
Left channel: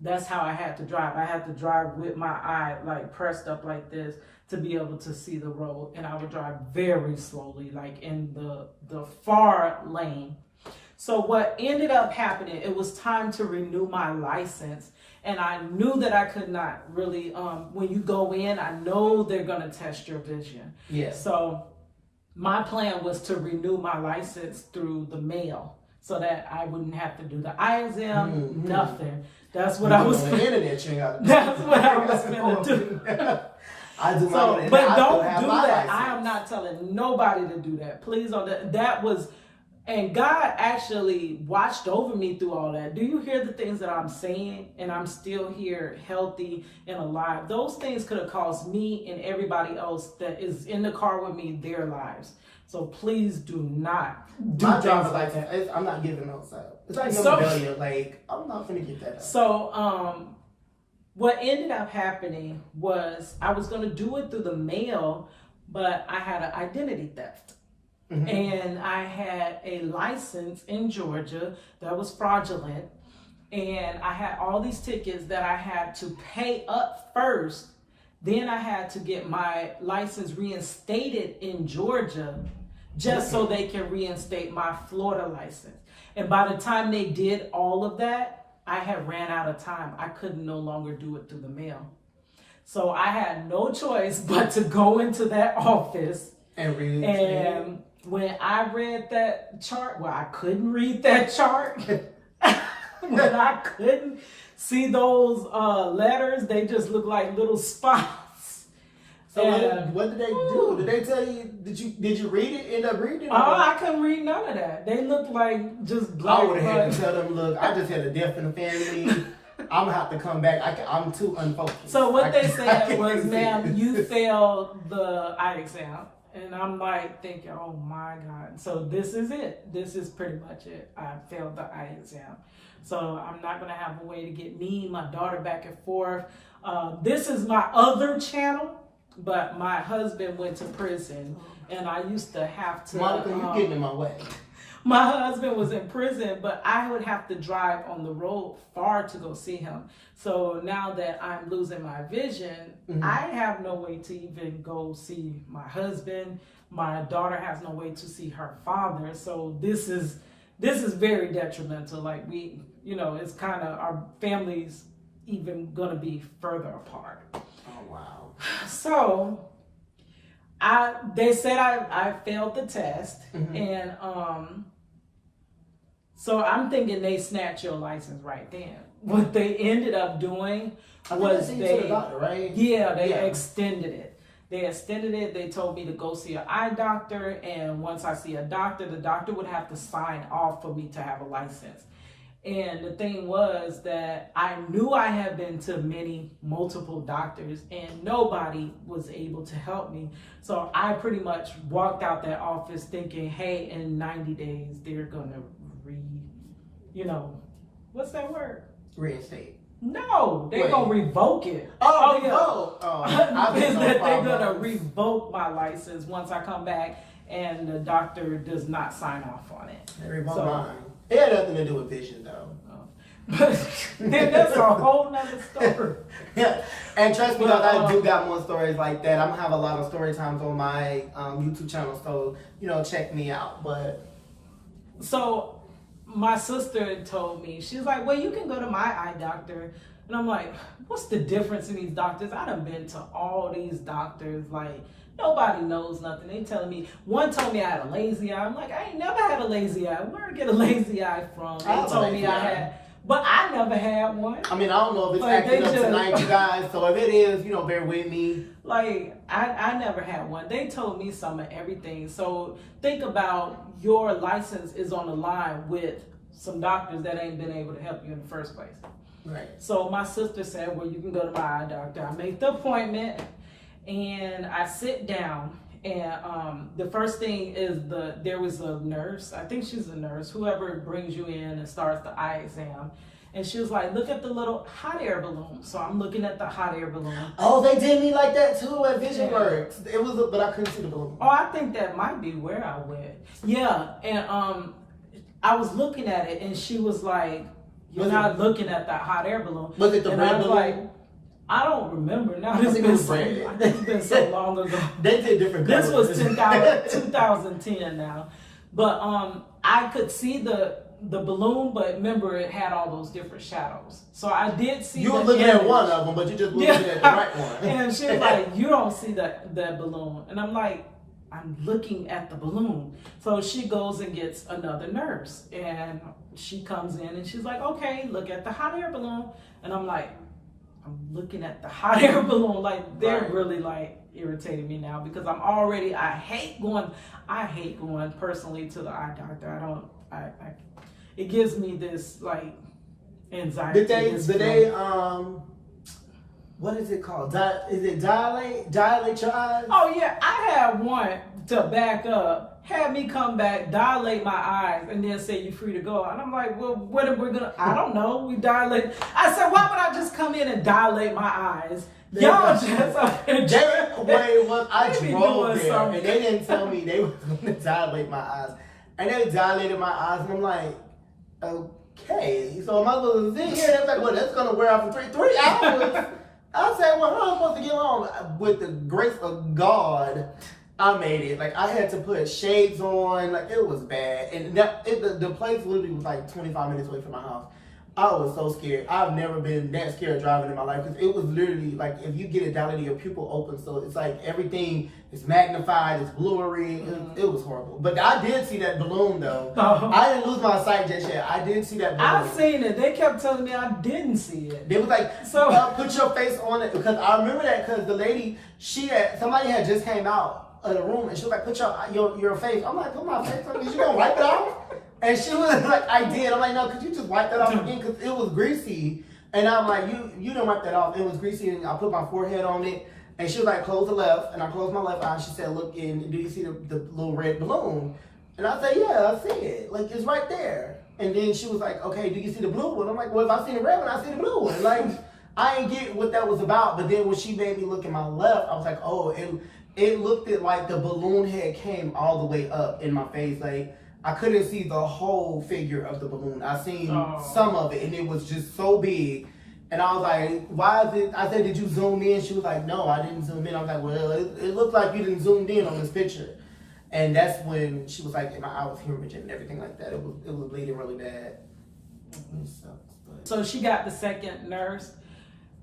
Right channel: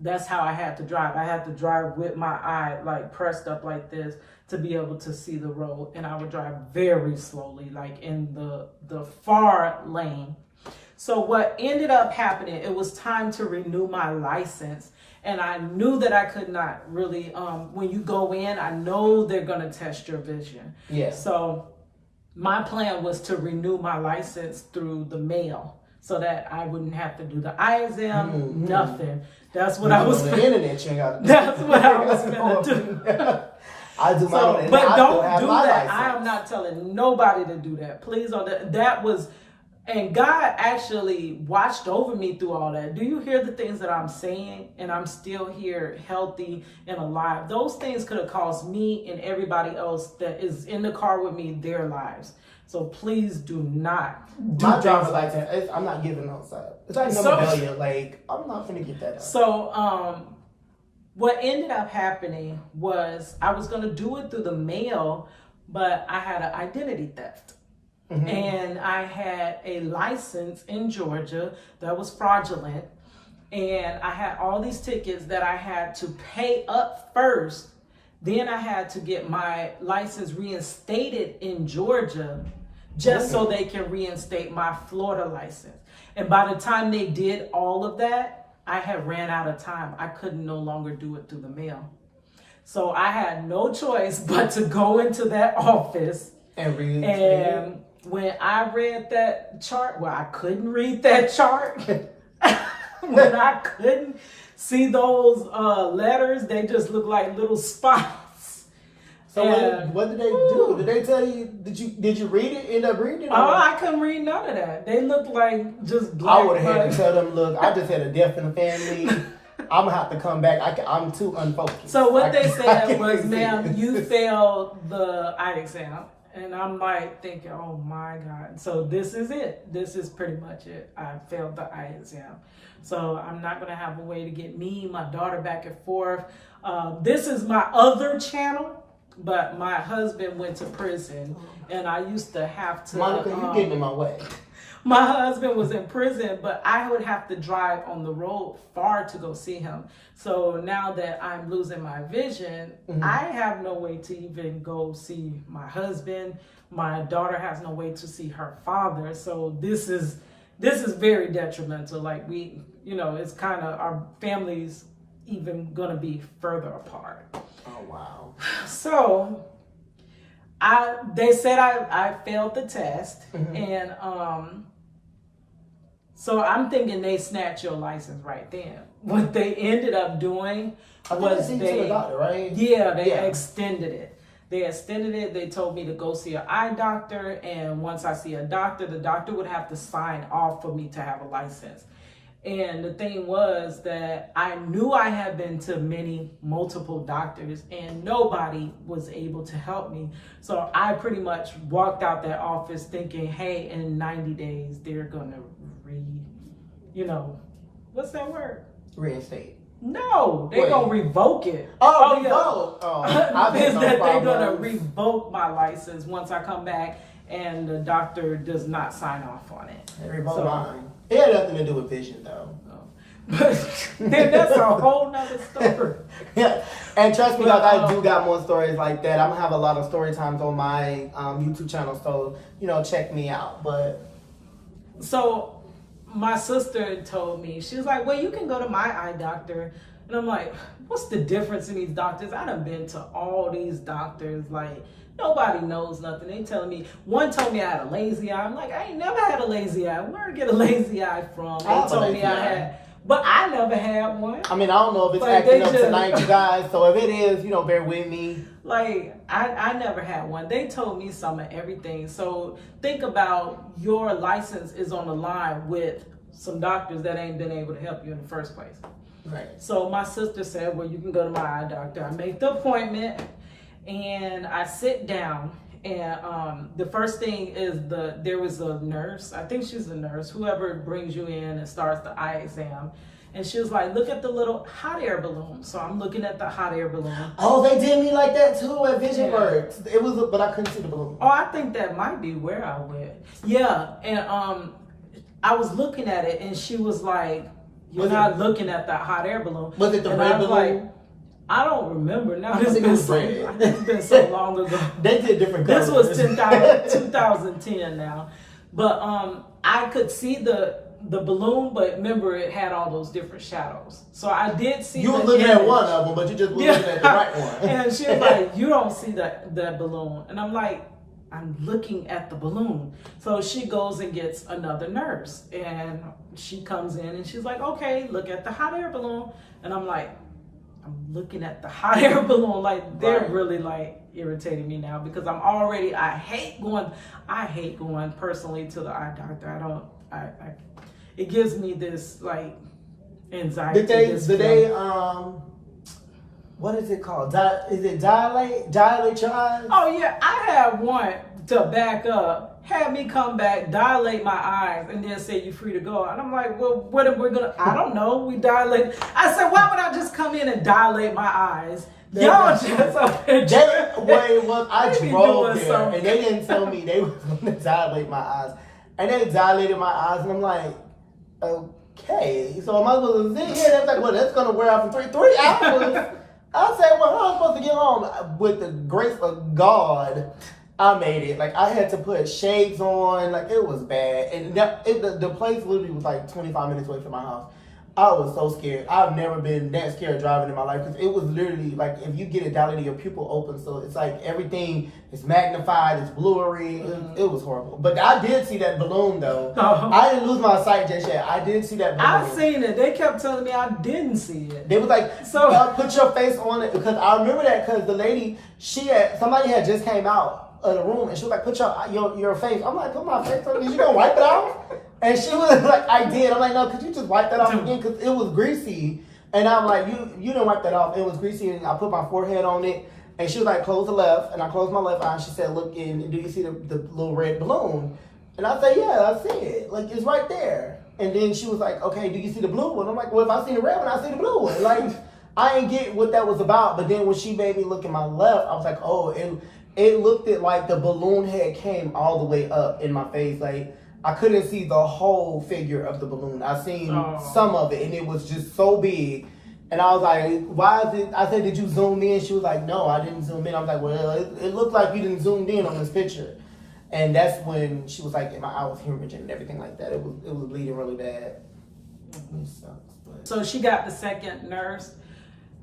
that's how I had to drive. I had to drive with my eye like pressed up like this to be able to see the road. And I would drive very slowly, like in the far lane. So what ended up happening, it was time to renew my license. And I knew that I could not really, when you go in, I know they're gonna test your vision. Yeah. So my plan was to renew my license through the mail so that I wouldn't have to do the eye exam, nothing. That's what I was on the internet. That's what I was gonna do. I do my own, but don't do that. License. I am not telling nobody to do that. Please don't. That was, and God actually watched over me through all that. Do you hear the things that I'm saying? And I'm still here, healthy and alive. Those things could have cost me and everybody else that is in the car with me their lives. So please do not do my driver's like license. that. I'm not giving those out. It's like no rebellion. Like, I'm not gonna get that out. So what ended up happening was I was gonna do it through the mail, but I had an identity theft. Mm-hmm. And I had a license in Georgia that was fraudulent. And I had all these tickets that I had to pay up first. Then I had to get my license reinstated in Georgia just so they can reinstate my Florida license. And by the time they did all of that, I had ran out of time. I could no longer do it through the mail. So I had no choice but to go into that office. And when I read that chart, well, I couldn't read that chart. When I couldn't see those letters, they just looked like little spots. So what did they do? Did they tell you? Did you read it? End up reading it? Oh, I couldn't read none of that. They looked like just black. I would have had to tell them, look, I just had a death in the family. I'm gonna have to come back. I'm too unfocused. So what they said was, ma'am, you failed the eye exam. And I'm like thinking, oh my God. So this is it. This is pretty much it. I failed the eye exam. So I'm not going to have a way to get me, my daughter back and forth. This is my other channel, but my husband went to prison and I used to have to. Monica, you getting in my way. My husband was in prison, but I would have to drive on the road far to go see him. So now that I'm losing my vision, I have no way to even go see my husband. My daughter has no way to see her father. So this is very detrimental. Like we, it's kind of our families even going to be further apart. Oh, wow. So they said I failed the test and so I'm thinking they snatched your license right then. What they ended up doing was they extended it. They extended it. They told me to go see an eye doctor, and once I see a doctor, the doctor would have to sign off for me to have a license. And the thing was that I knew I had been to multiple doctors and nobody was able to help me. So I pretty much walked out that office thinking, hey, in 90 days, they're going to what's that word? Reinstate. No, they're going to revoke it. Oh, yeah. They're going to revoke my license once I come back and the doctor does not sign off on it. They revoked mine. It had nothing to do with vision, though. But then that's a whole nother story. Yeah, and trust me, I do got more stories like that. I'm gonna have a lot of story times on my YouTube channel, so check me out. But so my sister told me, she's like, well, you can go to my eye doctor. And I'm like, what's the difference in these doctors? I done been to all these doctors, like nobody knows nothing. They telling me, one told me I had a lazy eye. I'm like, I ain't never had a lazy eye. Where did I get a lazy eye from? They told me I had, but I never had one. I mean, I don't know if it's acting up tonight, you guys. So if it is, bear with me. Like, I never had one. They told me some of everything. So think about your license is on the line with some doctors that ain't been able to help you in the first place. Right. So my sister said, well, you can go to my eye doctor. I make the appointment and I sit down. And the first thing is there was a nurse, I think she's a nurse, whoever brings you in and starts the eye exam. And she was like, look at the little hot air balloon. So I'm looking at the hot air balloon. Oh, they did me like that too at Vision Works. It was, but I couldn't see the balloon. Oh, I think that might be where I went. Yeah, and I was looking at it and she was like, you're not looking at that hot air balloon. Was it the and red I was balloon? Like, I don't remember now. It's been so long ago. They did different colors. This was 2010 now. But I could see the balloon, but remember it had all those different shadows. So I did see you were looking at one of them, but you just looking at the right one. And she was like, you don't see that balloon. And I'm like, I'm looking at the balloon. So she goes and gets another nurse. And she comes in and she's like, okay, look at the hot air balloon. And I'm like, I'm looking at the hot air balloon. Like, they're really like irritating me now because I hate going personally to the eye doctor. It gives me this like anxiety. Did they what is it called? Is it dilate your eyes? Oh yeah, I have one to back up, had me come back, dilate my eyes, and then say you're free to go. And I'm like, well, what are we gonna? I don't know. We dilate. I said, why would I just come in and dilate my eyes? Y'all just okay. I drove there, and they didn't tell me they was gonna dilate my eyes, and they dilated my eyes, and I'm like, okay, so am I supposed to sit here? That's like, well, that's gonna wear off in 3 hours. I said, well, how am I supposed to get home? With the grace of God, I made it. Like, I had to put shades on. Like, it was bad. And the place literally was like 25 minutes away from my house. I was so scared. I've never been that scared driving in my life because it was literally like if you get it dilated, your pupil opens, so it's like everything is magnified, it's blurry. It was horrible. But I did see that balloon though. I didn't lose my sight just yet. I did see that balloon. I seen it. They kept telling me I didn't see it. They was like, put your face on it because I remember that because the lady, somebody had just came out of the room and she was like, put your face. I'm like, put my face on. You gonna wipe it off? And she was like, I did. I'm like, no, could you just wipe that off again? Because it was greasy. And I'm like, you didn't wipe that off. It was greasy. And I put my forehead on it. And she was like, close the left. And I closed my left eye. And she said, look in. Do you see the little red balloon? And I said, yeah, I see it. Like, it's right there. And then she was like, okay, do you see the blue one? I'm like, well, if I see the red one, I see the blue one. Like, I didn't get what that was about. But then when she made me look at my left, I was like, oh, it looked like the balloon head came all the way up in my face. Like, I couldn't see the whole figure of the balloon. I seen some of it, and it was just so big. And I was like, why is it? I said, did you zoom in? She was like, no, I didn't zoom in. I was like, well, it looked like you didn't zoom in on this picture. And that's when she was like, my eye was hemorrhaging and everything like that. It was bleeding really bad. It sucks, but. So she got the second nurse.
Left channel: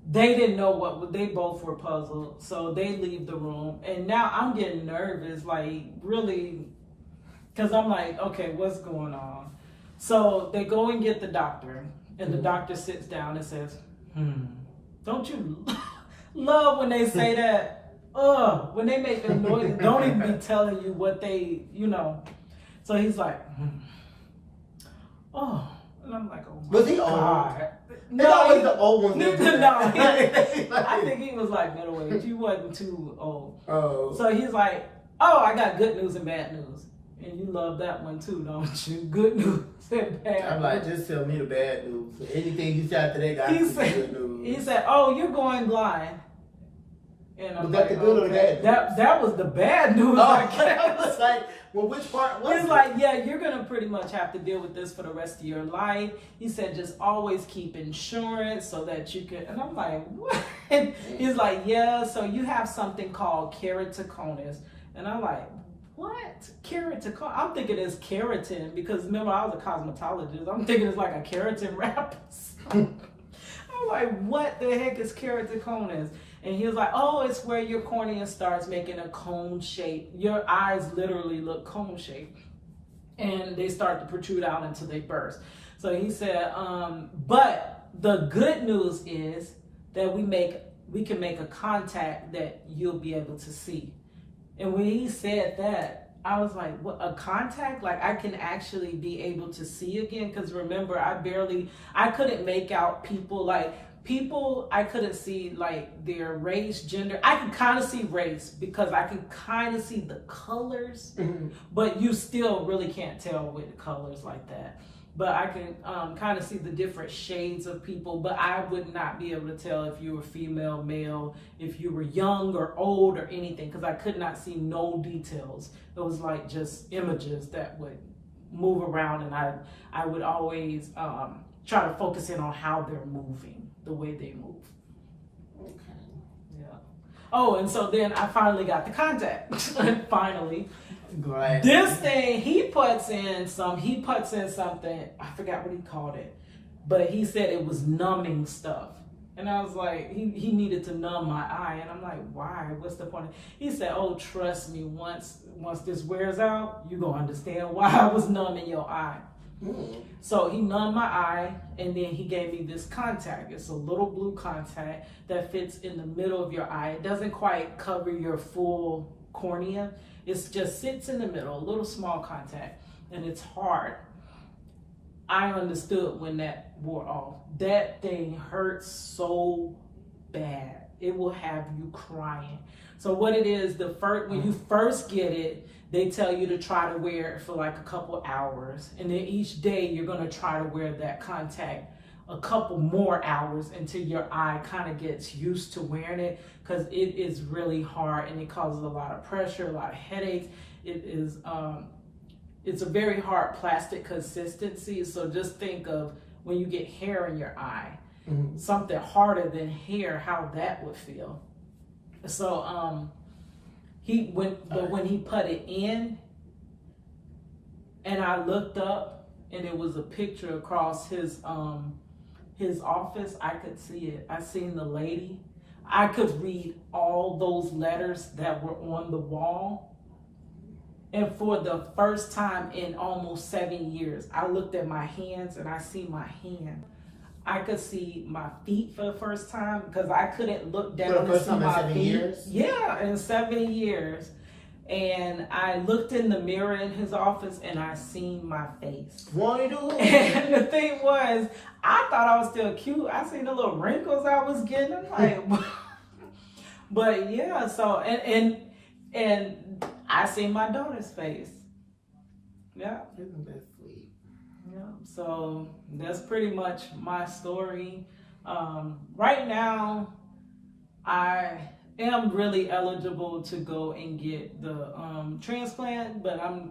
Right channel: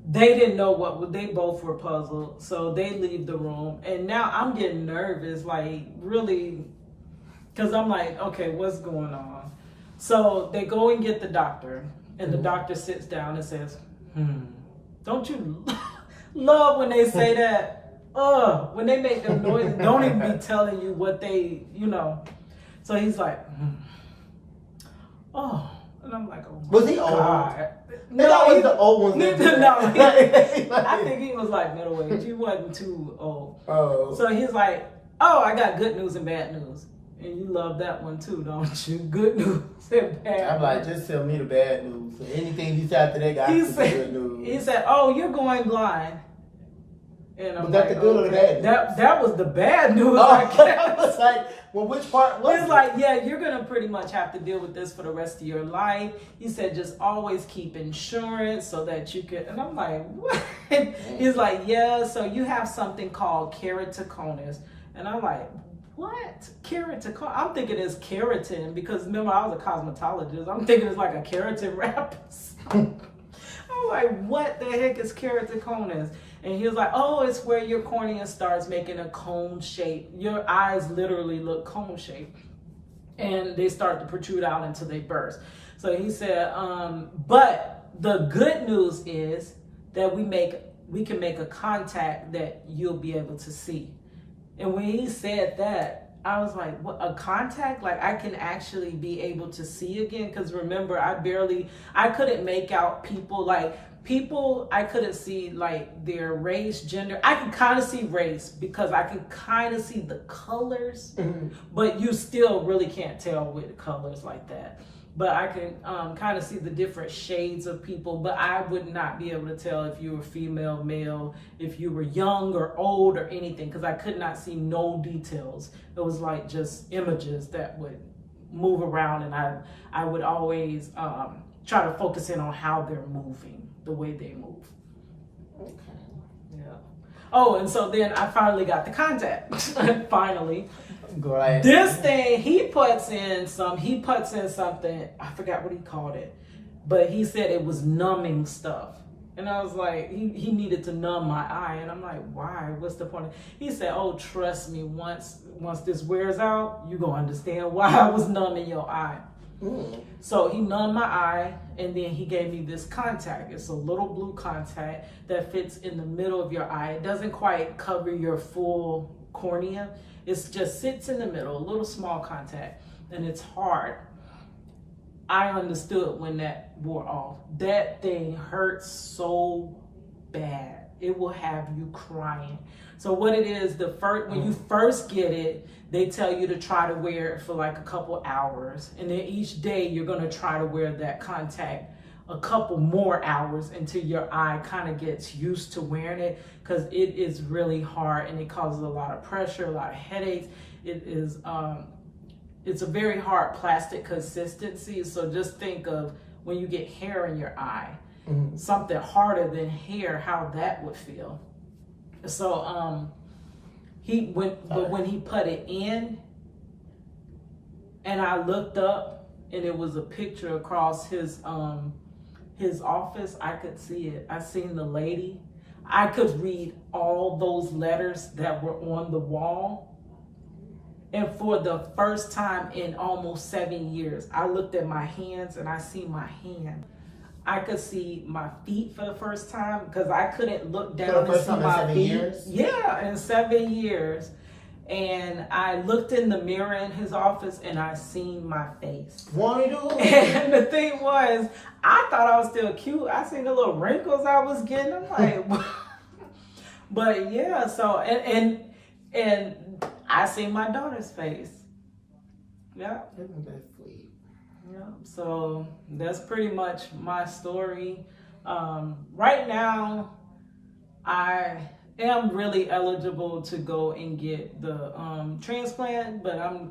They didn't know they both were puzzled. So they leave the room. And now I'm getting nervous, like really. Because I'm like, okay, what's going on? So they go and get the doctor, and the doctor sits down and says, don't you love when they say that? When they make the noise, don't even be telling you what they, So he's like, oh. And I'm like, oh, was he old? God. No, he's the old ones. I think he was like middle age. He wasn't too old. Oh. So he's like, oh, I got good news and bad news. And you love that one too, don't you? Good news and bad news. I'm like, just tell me the bad news. So anything you say after that, got to be good news. He said, oh, you're going blind. And I'm was that the good or the bad news? That was the bad news. I was like, well, which part was He's like, yeah, you're going to pretty much have to deal with this for the rest of your life. He said, just always keep insurance so that you can. And I'm like, what? He's like, yeah, so you have something called keratoconus. And I'm like, what? Keratoconus? I'm thinking it's keratin because remember I was a cosmetologist. I'm thinking it's like a keratin wrap. I'm like, what the heck is keratoconus? And he was like, oh, it's where your cornea starts making a cone shape. Your eyes literally look cone shaped. And they start to protrude out until they burst. So he said, but the good news is that we can make a contact that you'll be able to see. And when he said that, I was like, what, a contact? Like I can actually be able to see again? Because remember, I couldn't make out people. I couldn't see like their race, gender. I can kind of see race because I can kind of see the colors, but you still really can't tell with colors like that. But I can kind of see the different shades of people, but I would not be able to tell if you were female, male, if you were young or old or anything, because I could not see no details. It was like just images that would move around, and I would always try to focus in on how they're moving, the way they move. Okay. Yeah. Oh, and so then I finally got the contact. Finally. Great. This thing, he puts in something, I forgot what he called it, but he said it was numbing stuff. And I was like, he needed to numb my eye. And I'm like, why? What's the point? He said, oh, trust me, once this wears out, you're going to understand why I was numbing your eye. So he numbed my eye, and then he gave me this contact. It's a little blue contact that fits in the middle of your eye. It doesn't quite cover your full cornea. It just sits in the middle, a little small contact, and it's hard. I understood when that wore off. That thing hurts so bad. It will have you crying. So what it is, when you first get it, they tell you to try to wear it for like a couple hours. And then each day you're gonna try to wear that contact a couple more hours until your eye kind of gets used to wearing it, because it is really hard and it causes a lot of pressure, a lot of headaches. It is, it's a very hard plastic consistency. So just think of when you get hair in your eye, something harder than hair, how that would feel. So when he put it in, and I looked up, and it was a picture across his office. I could see it. I seen the lady. I could read all those letters that were on the wall. And for the first time in almost 7 years, I looked at my hands and I see my hand. I could see my feet for the first time because I couldn't look down and see my feet. Years? Yeah, in 7 years. And I looked in the mirror in his office and I seen my face. And the thing was, I thought I was still cute. I seen the little wrinkles I was getting. I'm like, but yeah, so, and I seen my daughter's face. Yeah. Isn't that sweet? Yeah. So that's pretty much my story. Right now, I am really eligible to go and get the transplant, but I'm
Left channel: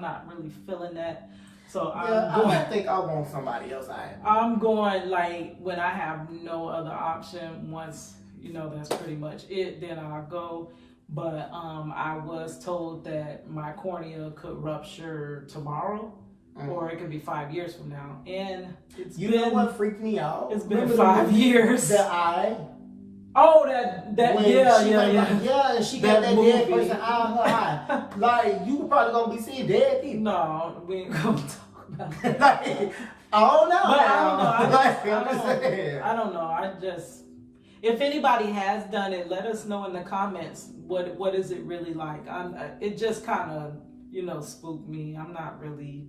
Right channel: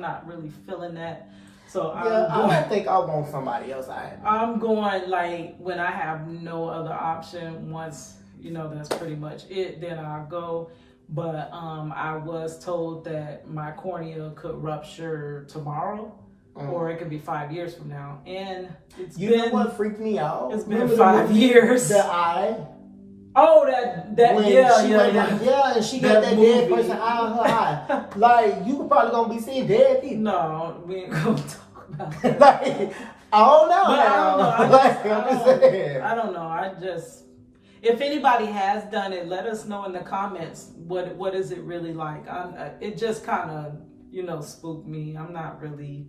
not really feeling that. So I don't think I want somebody else. I'm going like when I have no other option. Once that's pretty much it, then I'll go. But I was told that my cornea could rupture tomorrow, or it could be 5 years from now. And you know what freaked me out? It's been 5 years. The eye. Oh, that yeah, and she got that movie. Dead person eye on her eye. Like, you probably gonna be seeing dead people. No, we ain't gonna talk about that. Like, I don't know. But I don't know. If anybody has done it, let us know in the comments. What is it really like? It just kind of spooked me. I'm not really.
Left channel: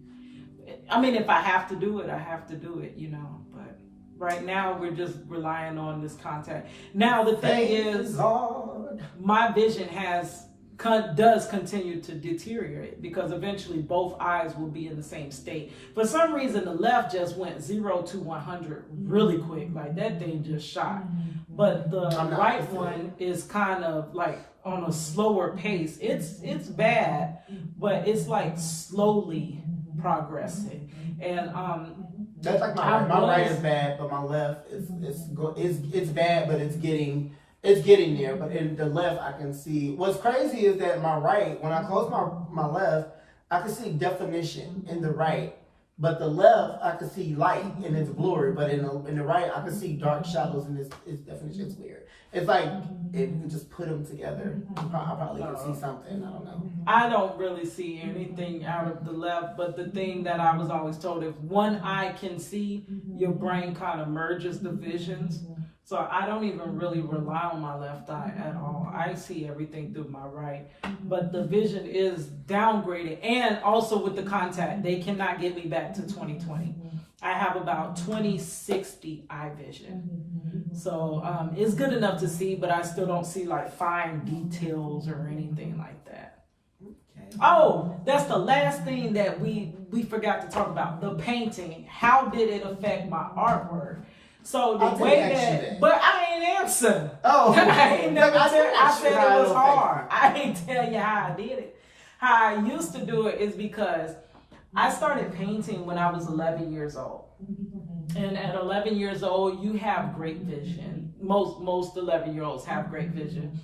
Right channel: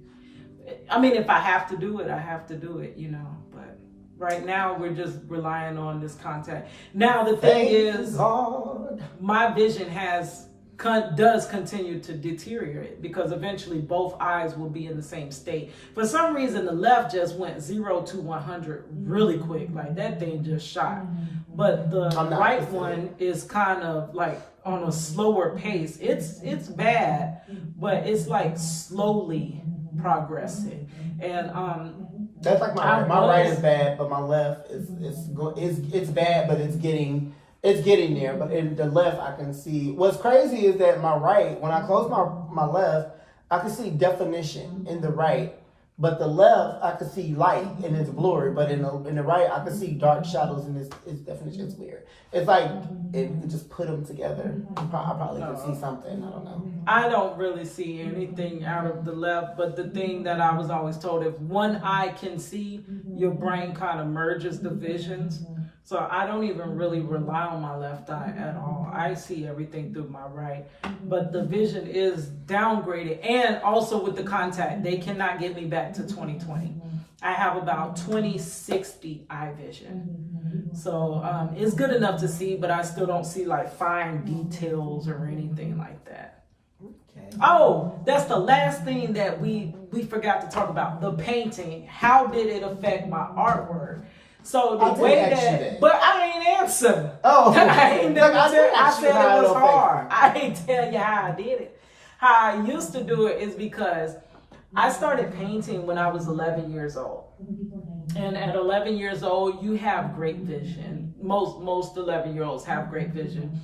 I mean, if I have to do it, I have to do it. But right now we're just relying on this contact. Now the thing is, my vision does continue to deteriorate because eventually both eyes will be in the same state. For some reason, the left just went 0 to 100 really quick. Like that thing just shot. But the right one is kind of like on a slower pace. It's bad, but it's like slowly progressing. And that's like my right. My right is bad, but my left is bad, but it's getting there. But in the left, I can see. What's crazy is that my right, when I close my left, I can see definition in the right. But the left, I can see light and it's blurry. But in the right, I can see dark shadows and its definition. It's weird. It's like if you could just put them together, I probably could see something. I don't know. I don't really see anything out of the left. But the thing that I was always told, if one eye can see, your brain kind of merges the visions. So I don't even really rely on my left eye at all. I see everything through my right. But the vision is downgraded. And also with the contact, they cannot get me back to 20/20. I have about 20/60 eye vision. So it's good enough to see, but I still don't see like fine details or anything like that. Okay. Oh, that's the last thing that we forgot to talk about. The painting. How did it affect my artwork? So the way that, but I ain't answer. Oh, I said it was hard. I ain't tell you how I did it. How I used to do it is because I started painting when I was 11 years old. And at 11 years old, you have great vision. Most 11-year-olds have great vision.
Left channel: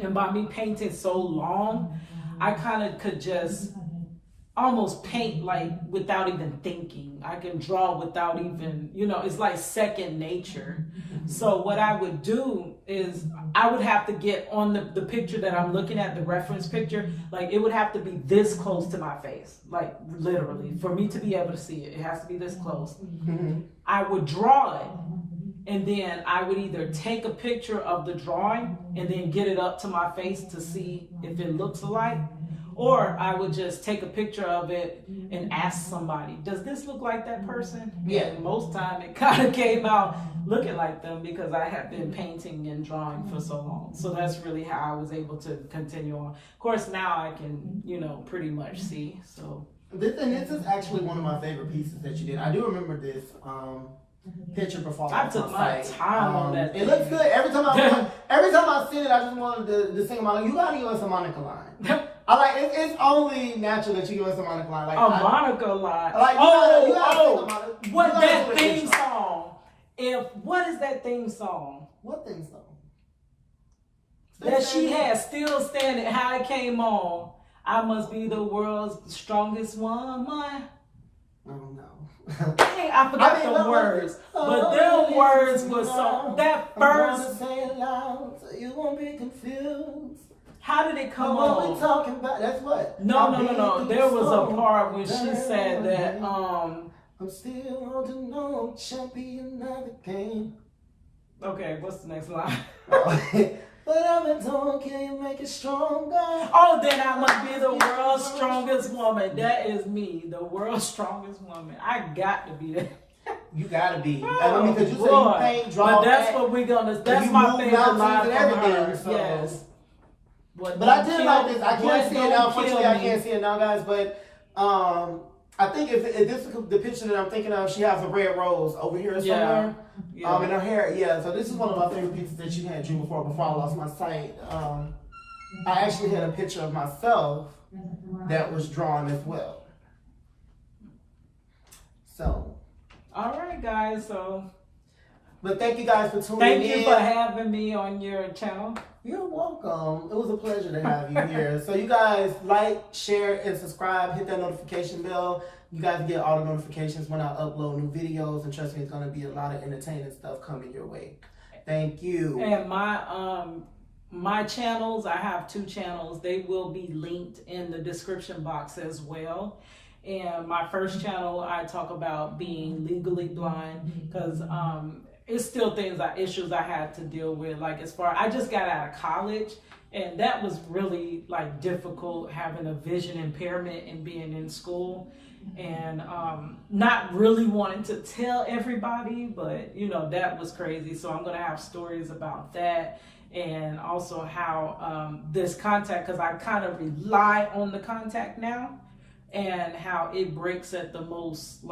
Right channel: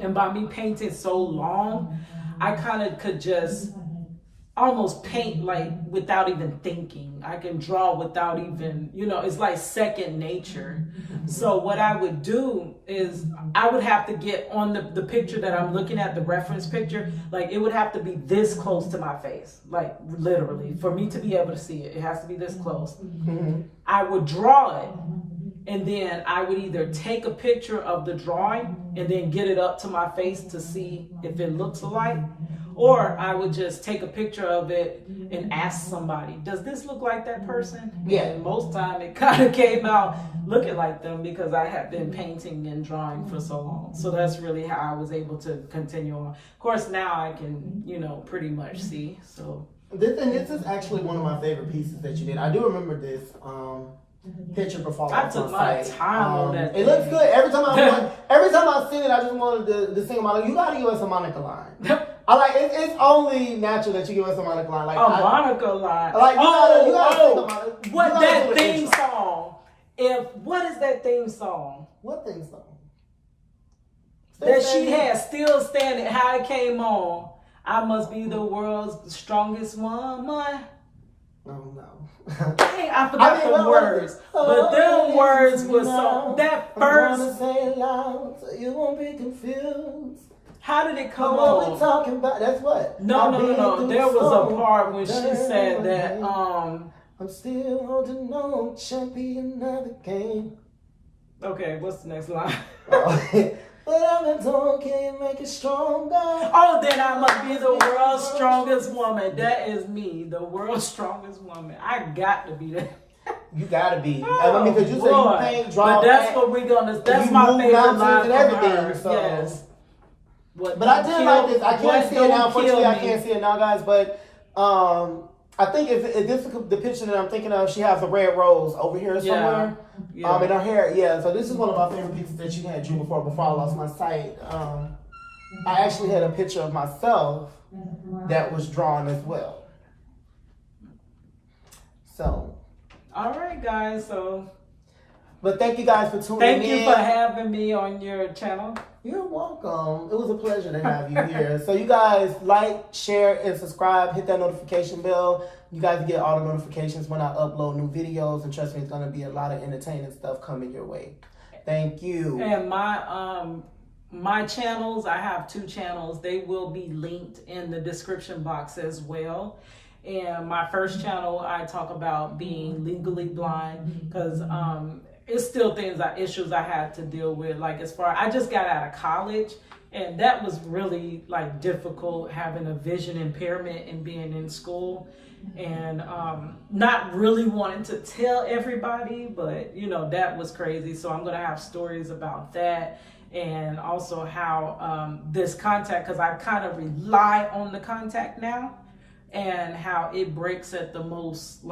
And by me painting so long, I kind of could just almost paint like without even thinking. I can draw without even, it's like second nature. So what I would do is I would have to get on the picture that I'm looking at, the reference picture, like it would have to be this close to my face, like literally for me to be able to see it. It has to be this close. I would draw it. And then I would either take a picture of the drawing and then get it up to my face to see if it looks alike. Or I would just take a picture of it and ask somebody, does this look like that person? Yeah. And most time it kind of came out looking like them because I have been painting and drawing for so long. So that's really how I was able to continue on. Of course, now I can, pretty much see. So this is actually one of my favorite pieces that you did. I do remember this picture performance. I took my time on that. It looks good. Every time I seen it, I just wanted to sing about it. You gotta give us a Monica line. I like it. It's only natural that you give us a Monica line. Like Monica line. Like you gotta what that theme song? What is that theme song? What theme song? that she had still standing, how it came on. I must be the world's strongest woman. Oh no. I forgot the words. But them words were so, that first. Say it loud so you won't be confused. How did it come What on? we talking about? That's what. No. There was a part when she said that, I'm still holding on, champion of the game. okay, what's the next line? But I've been told, can you make it stronger? Oh, then I must be the world's strongest woman. That is me, the world's strongest woman. I got to be that. You gotta be. Oh, I mean, because you say you paint, draw, but that's act, what we're gonna. That's you my move favorite mountains line and from everything, her. so. Yes. But I did like this. I can't see it now. Unfortunately, I can't see it now, guys. But I think if this is the picture that I'm thinking of, she has a red rose over here somewhere. Yeah. In her hair. Yeah. So this is one of my favorite pictures that you had dreamed before I lost my sight. I actually had a picture of myself that was drawn as well. So. All right, guys. So. But thank you guys for tuning in. Thank you for having me on your channel. You're welcome. It was a pleasure to have you here. So you guys like, share, and subscribe. Hit that notification bell. You guys get all the notifications when I upload new videos. And trust me, it's going to be a lot of entertaining stuff coming your way. Thank you. And my channels, I have 2 channels. They will be linked in the description box as well. And my first channel, I talk about being legally blind because it's still issues I had to deal with. Like I just got out of college, and that was really like difficult, having a vision impairment and being in school, and not really wanting to tell everybody, but that was crazy. So I'm gonna have stories about that, and also how this contact, because I kind of rely on the contact now, and how it breaks at the most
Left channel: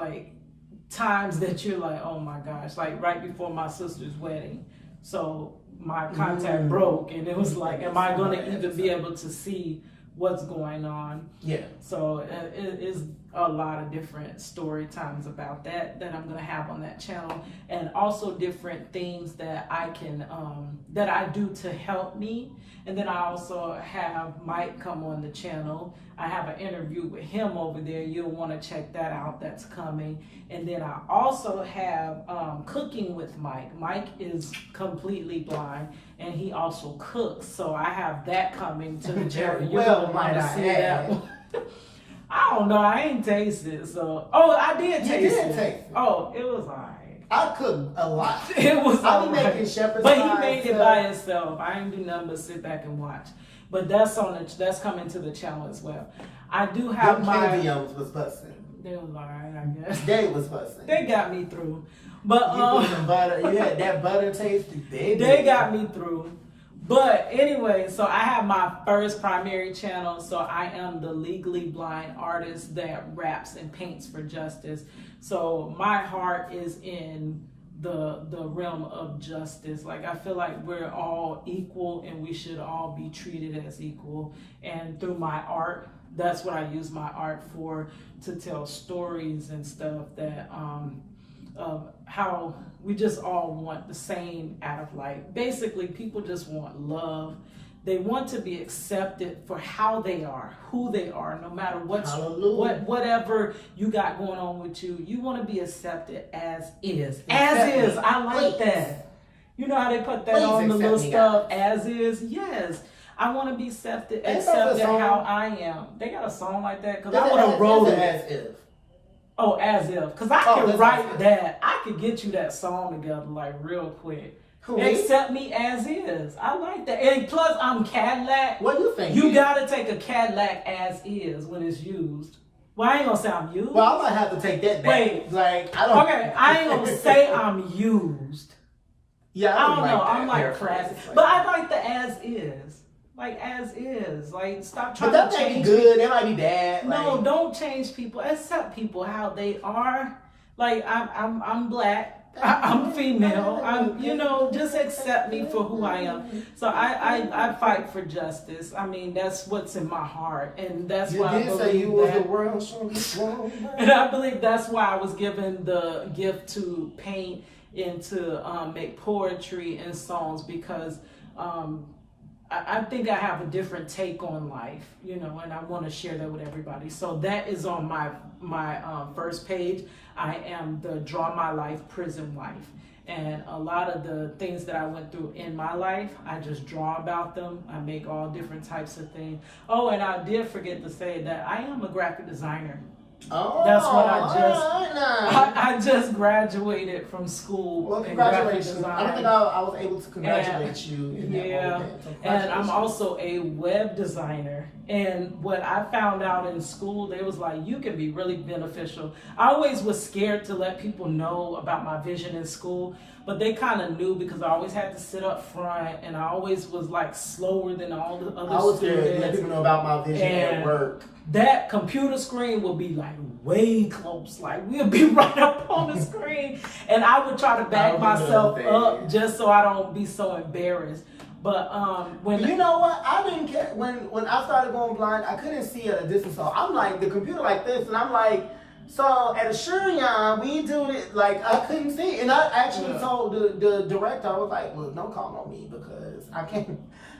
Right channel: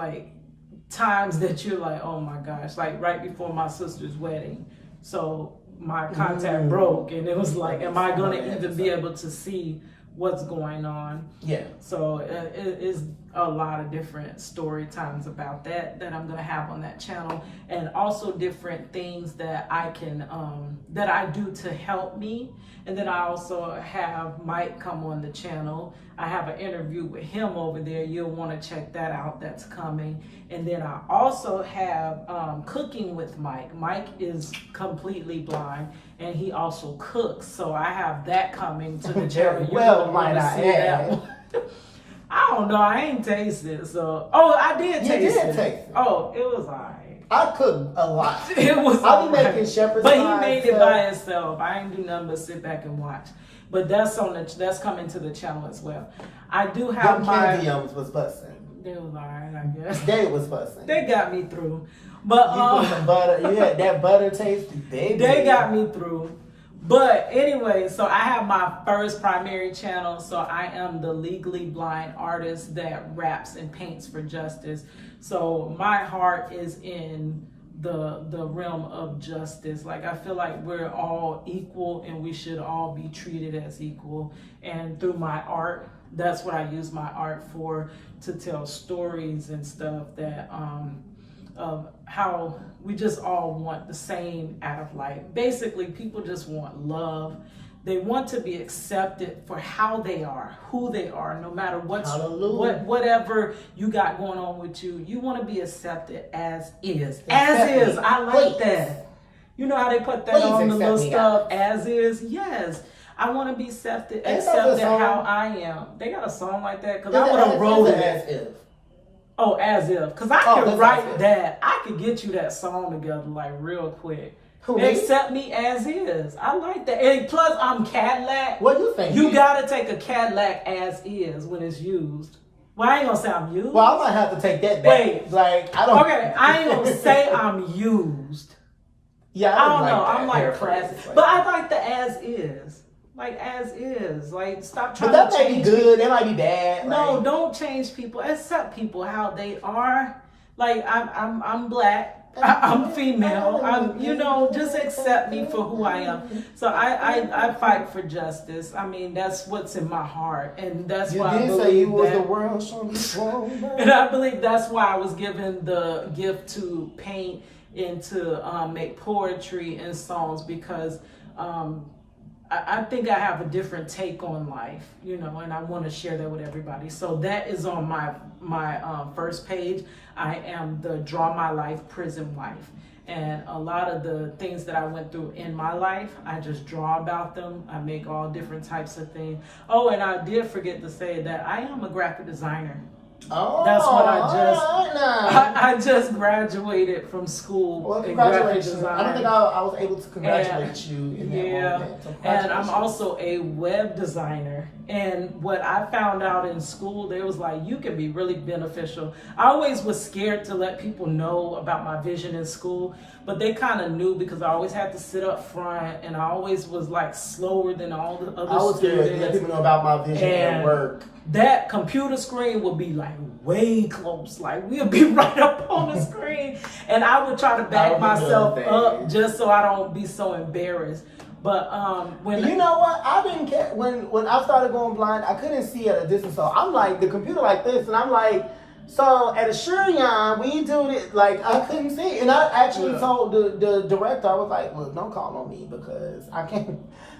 times that you're like, oh my gosh, like right before my sister's wedding. So my contact broke, and it was like, am I going to even be able to see what's going on? Yeah. So it is a lot of different story times about that I'm going to have on that channel, and also different things that I can that I do to help me. And then I also have Mike come on the channel. I have an interview with him over there. You'll want to check that out. That's coming. And then I also have Cooking with Mike. Mike is completely blind, and he also cooks. So I have that coming to the channel. You're going to want to see that one. I don't know. I ain't tasted it. So, I did taste it. Oh, it was alright. I cook a lot. It was I'll be making shepherd's but pie, he made it by himself. I ain't do nothing but sit back and watch. But that's coming to the channel as well. I do have my yums was busting. They was alright, I guess. They was busting. They got me through. But you put some butter. You had that butter taste. They got me through. But anyway, so I have my first primary channel. So I am the legally blind artist that raps and paints for justice. So my heart is in the realm of justice. Like, I feel like we're all equal, and we should all be treated as equal. And through my art, that's what I use my art for, to tell stories and stuff that of how we just all want the same out of life. Basically, people just want love. They want to be accepted for how they are, who they are, no matter whatever you got going on with you. You want to be accepted as is. As is. I like that. You know how they put that on the little stuff? As is. Yes. I want to be accepted how I am. They got a song like that? Because I would have wrote it. As if. Oh, as if. Because I could write that. I could get you that song together like real quick. Who, accept me as is. I like that. And plus, I'm Kadlac. What do you think? You got to take a Kadlac as is when it's used. Well, I ain't going to say I'm used. Well, I might have to take that back. Wait. Like, I don't. Okay, I ain't going to say I'm used. Yeah, I don't know. I'm like crass. But I like the as is. Like, as is. Like, stop trying to change. But that might be good. That might be bad. No, like, don't change people. Accept people how they are. Like, I'm black. I'm female. Just accept me for who I am. So I fight for justice. I mean, that's what's in my heart, and that's why I believe that. And I believe that's why I was given the gift to paint and to make poetry and songs, because I think I have a different take on life, you know, and I want to share that with everybody. So that is on my first page. I am the Draw My Life Prison Wife. And a lot of the things that I went through in my life, I just draw about them. I make all different types of things. Oh, and I did forget to say that I am a graphic designer. Oh, that's what I just just graduated from school in graphic design. I don't think I was able to congratulate you in that moment. So and I'm also a web designer. And what I found out in school, they was like, you can be really beneficial. I always was scared to let people know about my vision in school, but they kind of knew because I always had to sit up front, and I always was like slower than all the other students. Let people know about my vision at work. That computer screen would be like way close, like we'll be right up on the screen, and I would try to back myself up just so I don't be so embarrassed. But when you know what, I didn't care when I started going blind, I couldn't see at a distance, so I'm like the computer like this, and I'm like, so at Assyrian we do it like I couldn't see, and I actually told the director, I was like, well, don't call on me because I can't.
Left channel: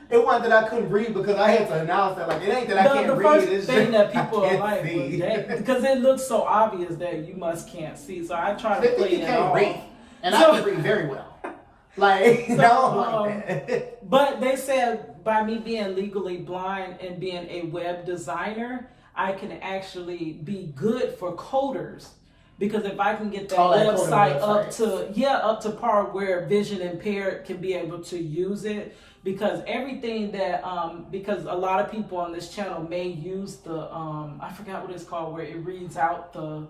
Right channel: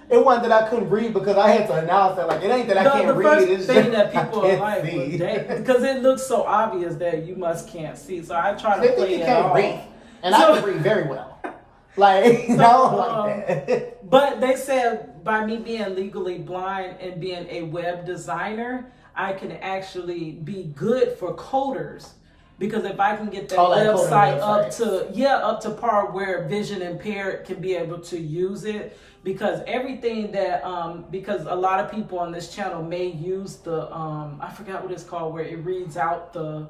It wasn't that I couldn't read because I had to announce that, like, it ain't that I can't read. The first thing that people are like, was that, because it looks so obvious that you can't see. So I try to play it off. Read, and I can read very well. Like, like that. But they said by me being legally blind and being a web designer, I can actually be good for coders. Because if I can get that website up to par where vision impaired can be able to use it, because everything that because a lot of people on this channel may use the I forgot what it's called, where it reads out the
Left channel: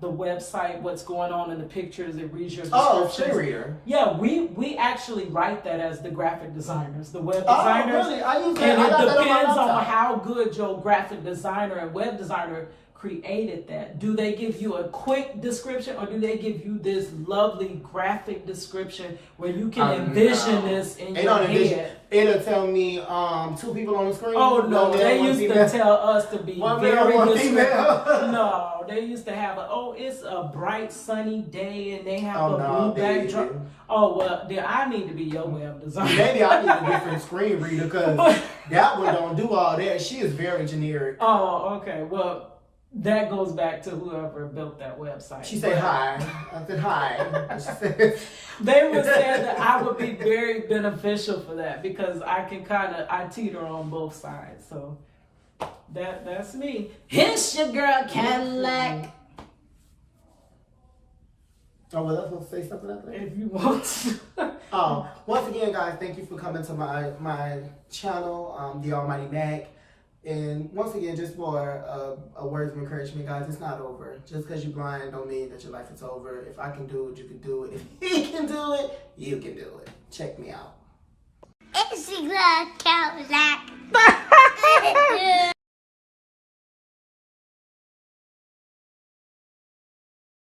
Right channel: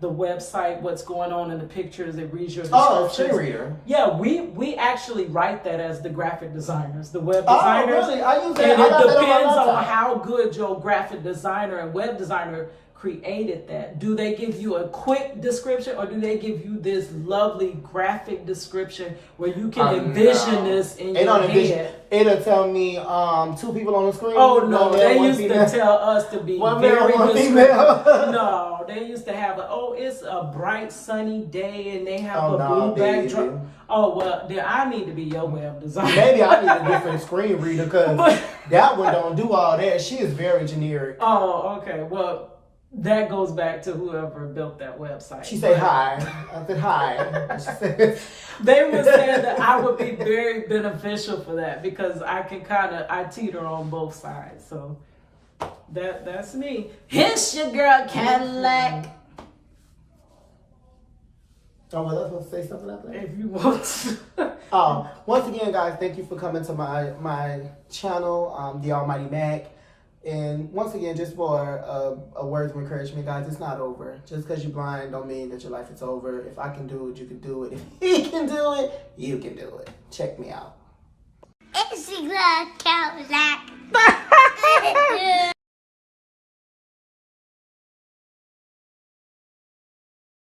website, what's going on in the pictures, it reads your descriptions. Screen reader. Yeah, we actually write that as the graphic designers, the web designers. Oh, really? I use that. And it depends on how good your graphic designer and web designer created that. Do they give you a quick description, or do they give you this lovely graphic description where you can envision this in your head? It'll tell me 2 people on the screen. Oh no, they used to tell us to be very descriptive. No, they used to have it's a bright sunny day and they have a blue backdrop. Oh well, then I need to be your web designer. Maybe I need a different screen reader because that one don't do all that. She is very generic. Oh, okay. Well, that goes back to whoever built that website. She said hi. I said hi. They were saying that I would be very beneficial for that because I can I teeter on both sides. So that's me. Here's your girl Kadlac. Oh, was I supposed to say something after that? If you want to. Once again, guys, thank you for coming to my channel, The Almighty Mac. And once again, just for a word of encouragement, guys, it's not over. Just because you're blind don't mean that your life is over. If I can do it, you can do it. If he can do it, you can do it. Check me out. It's a Kadlac.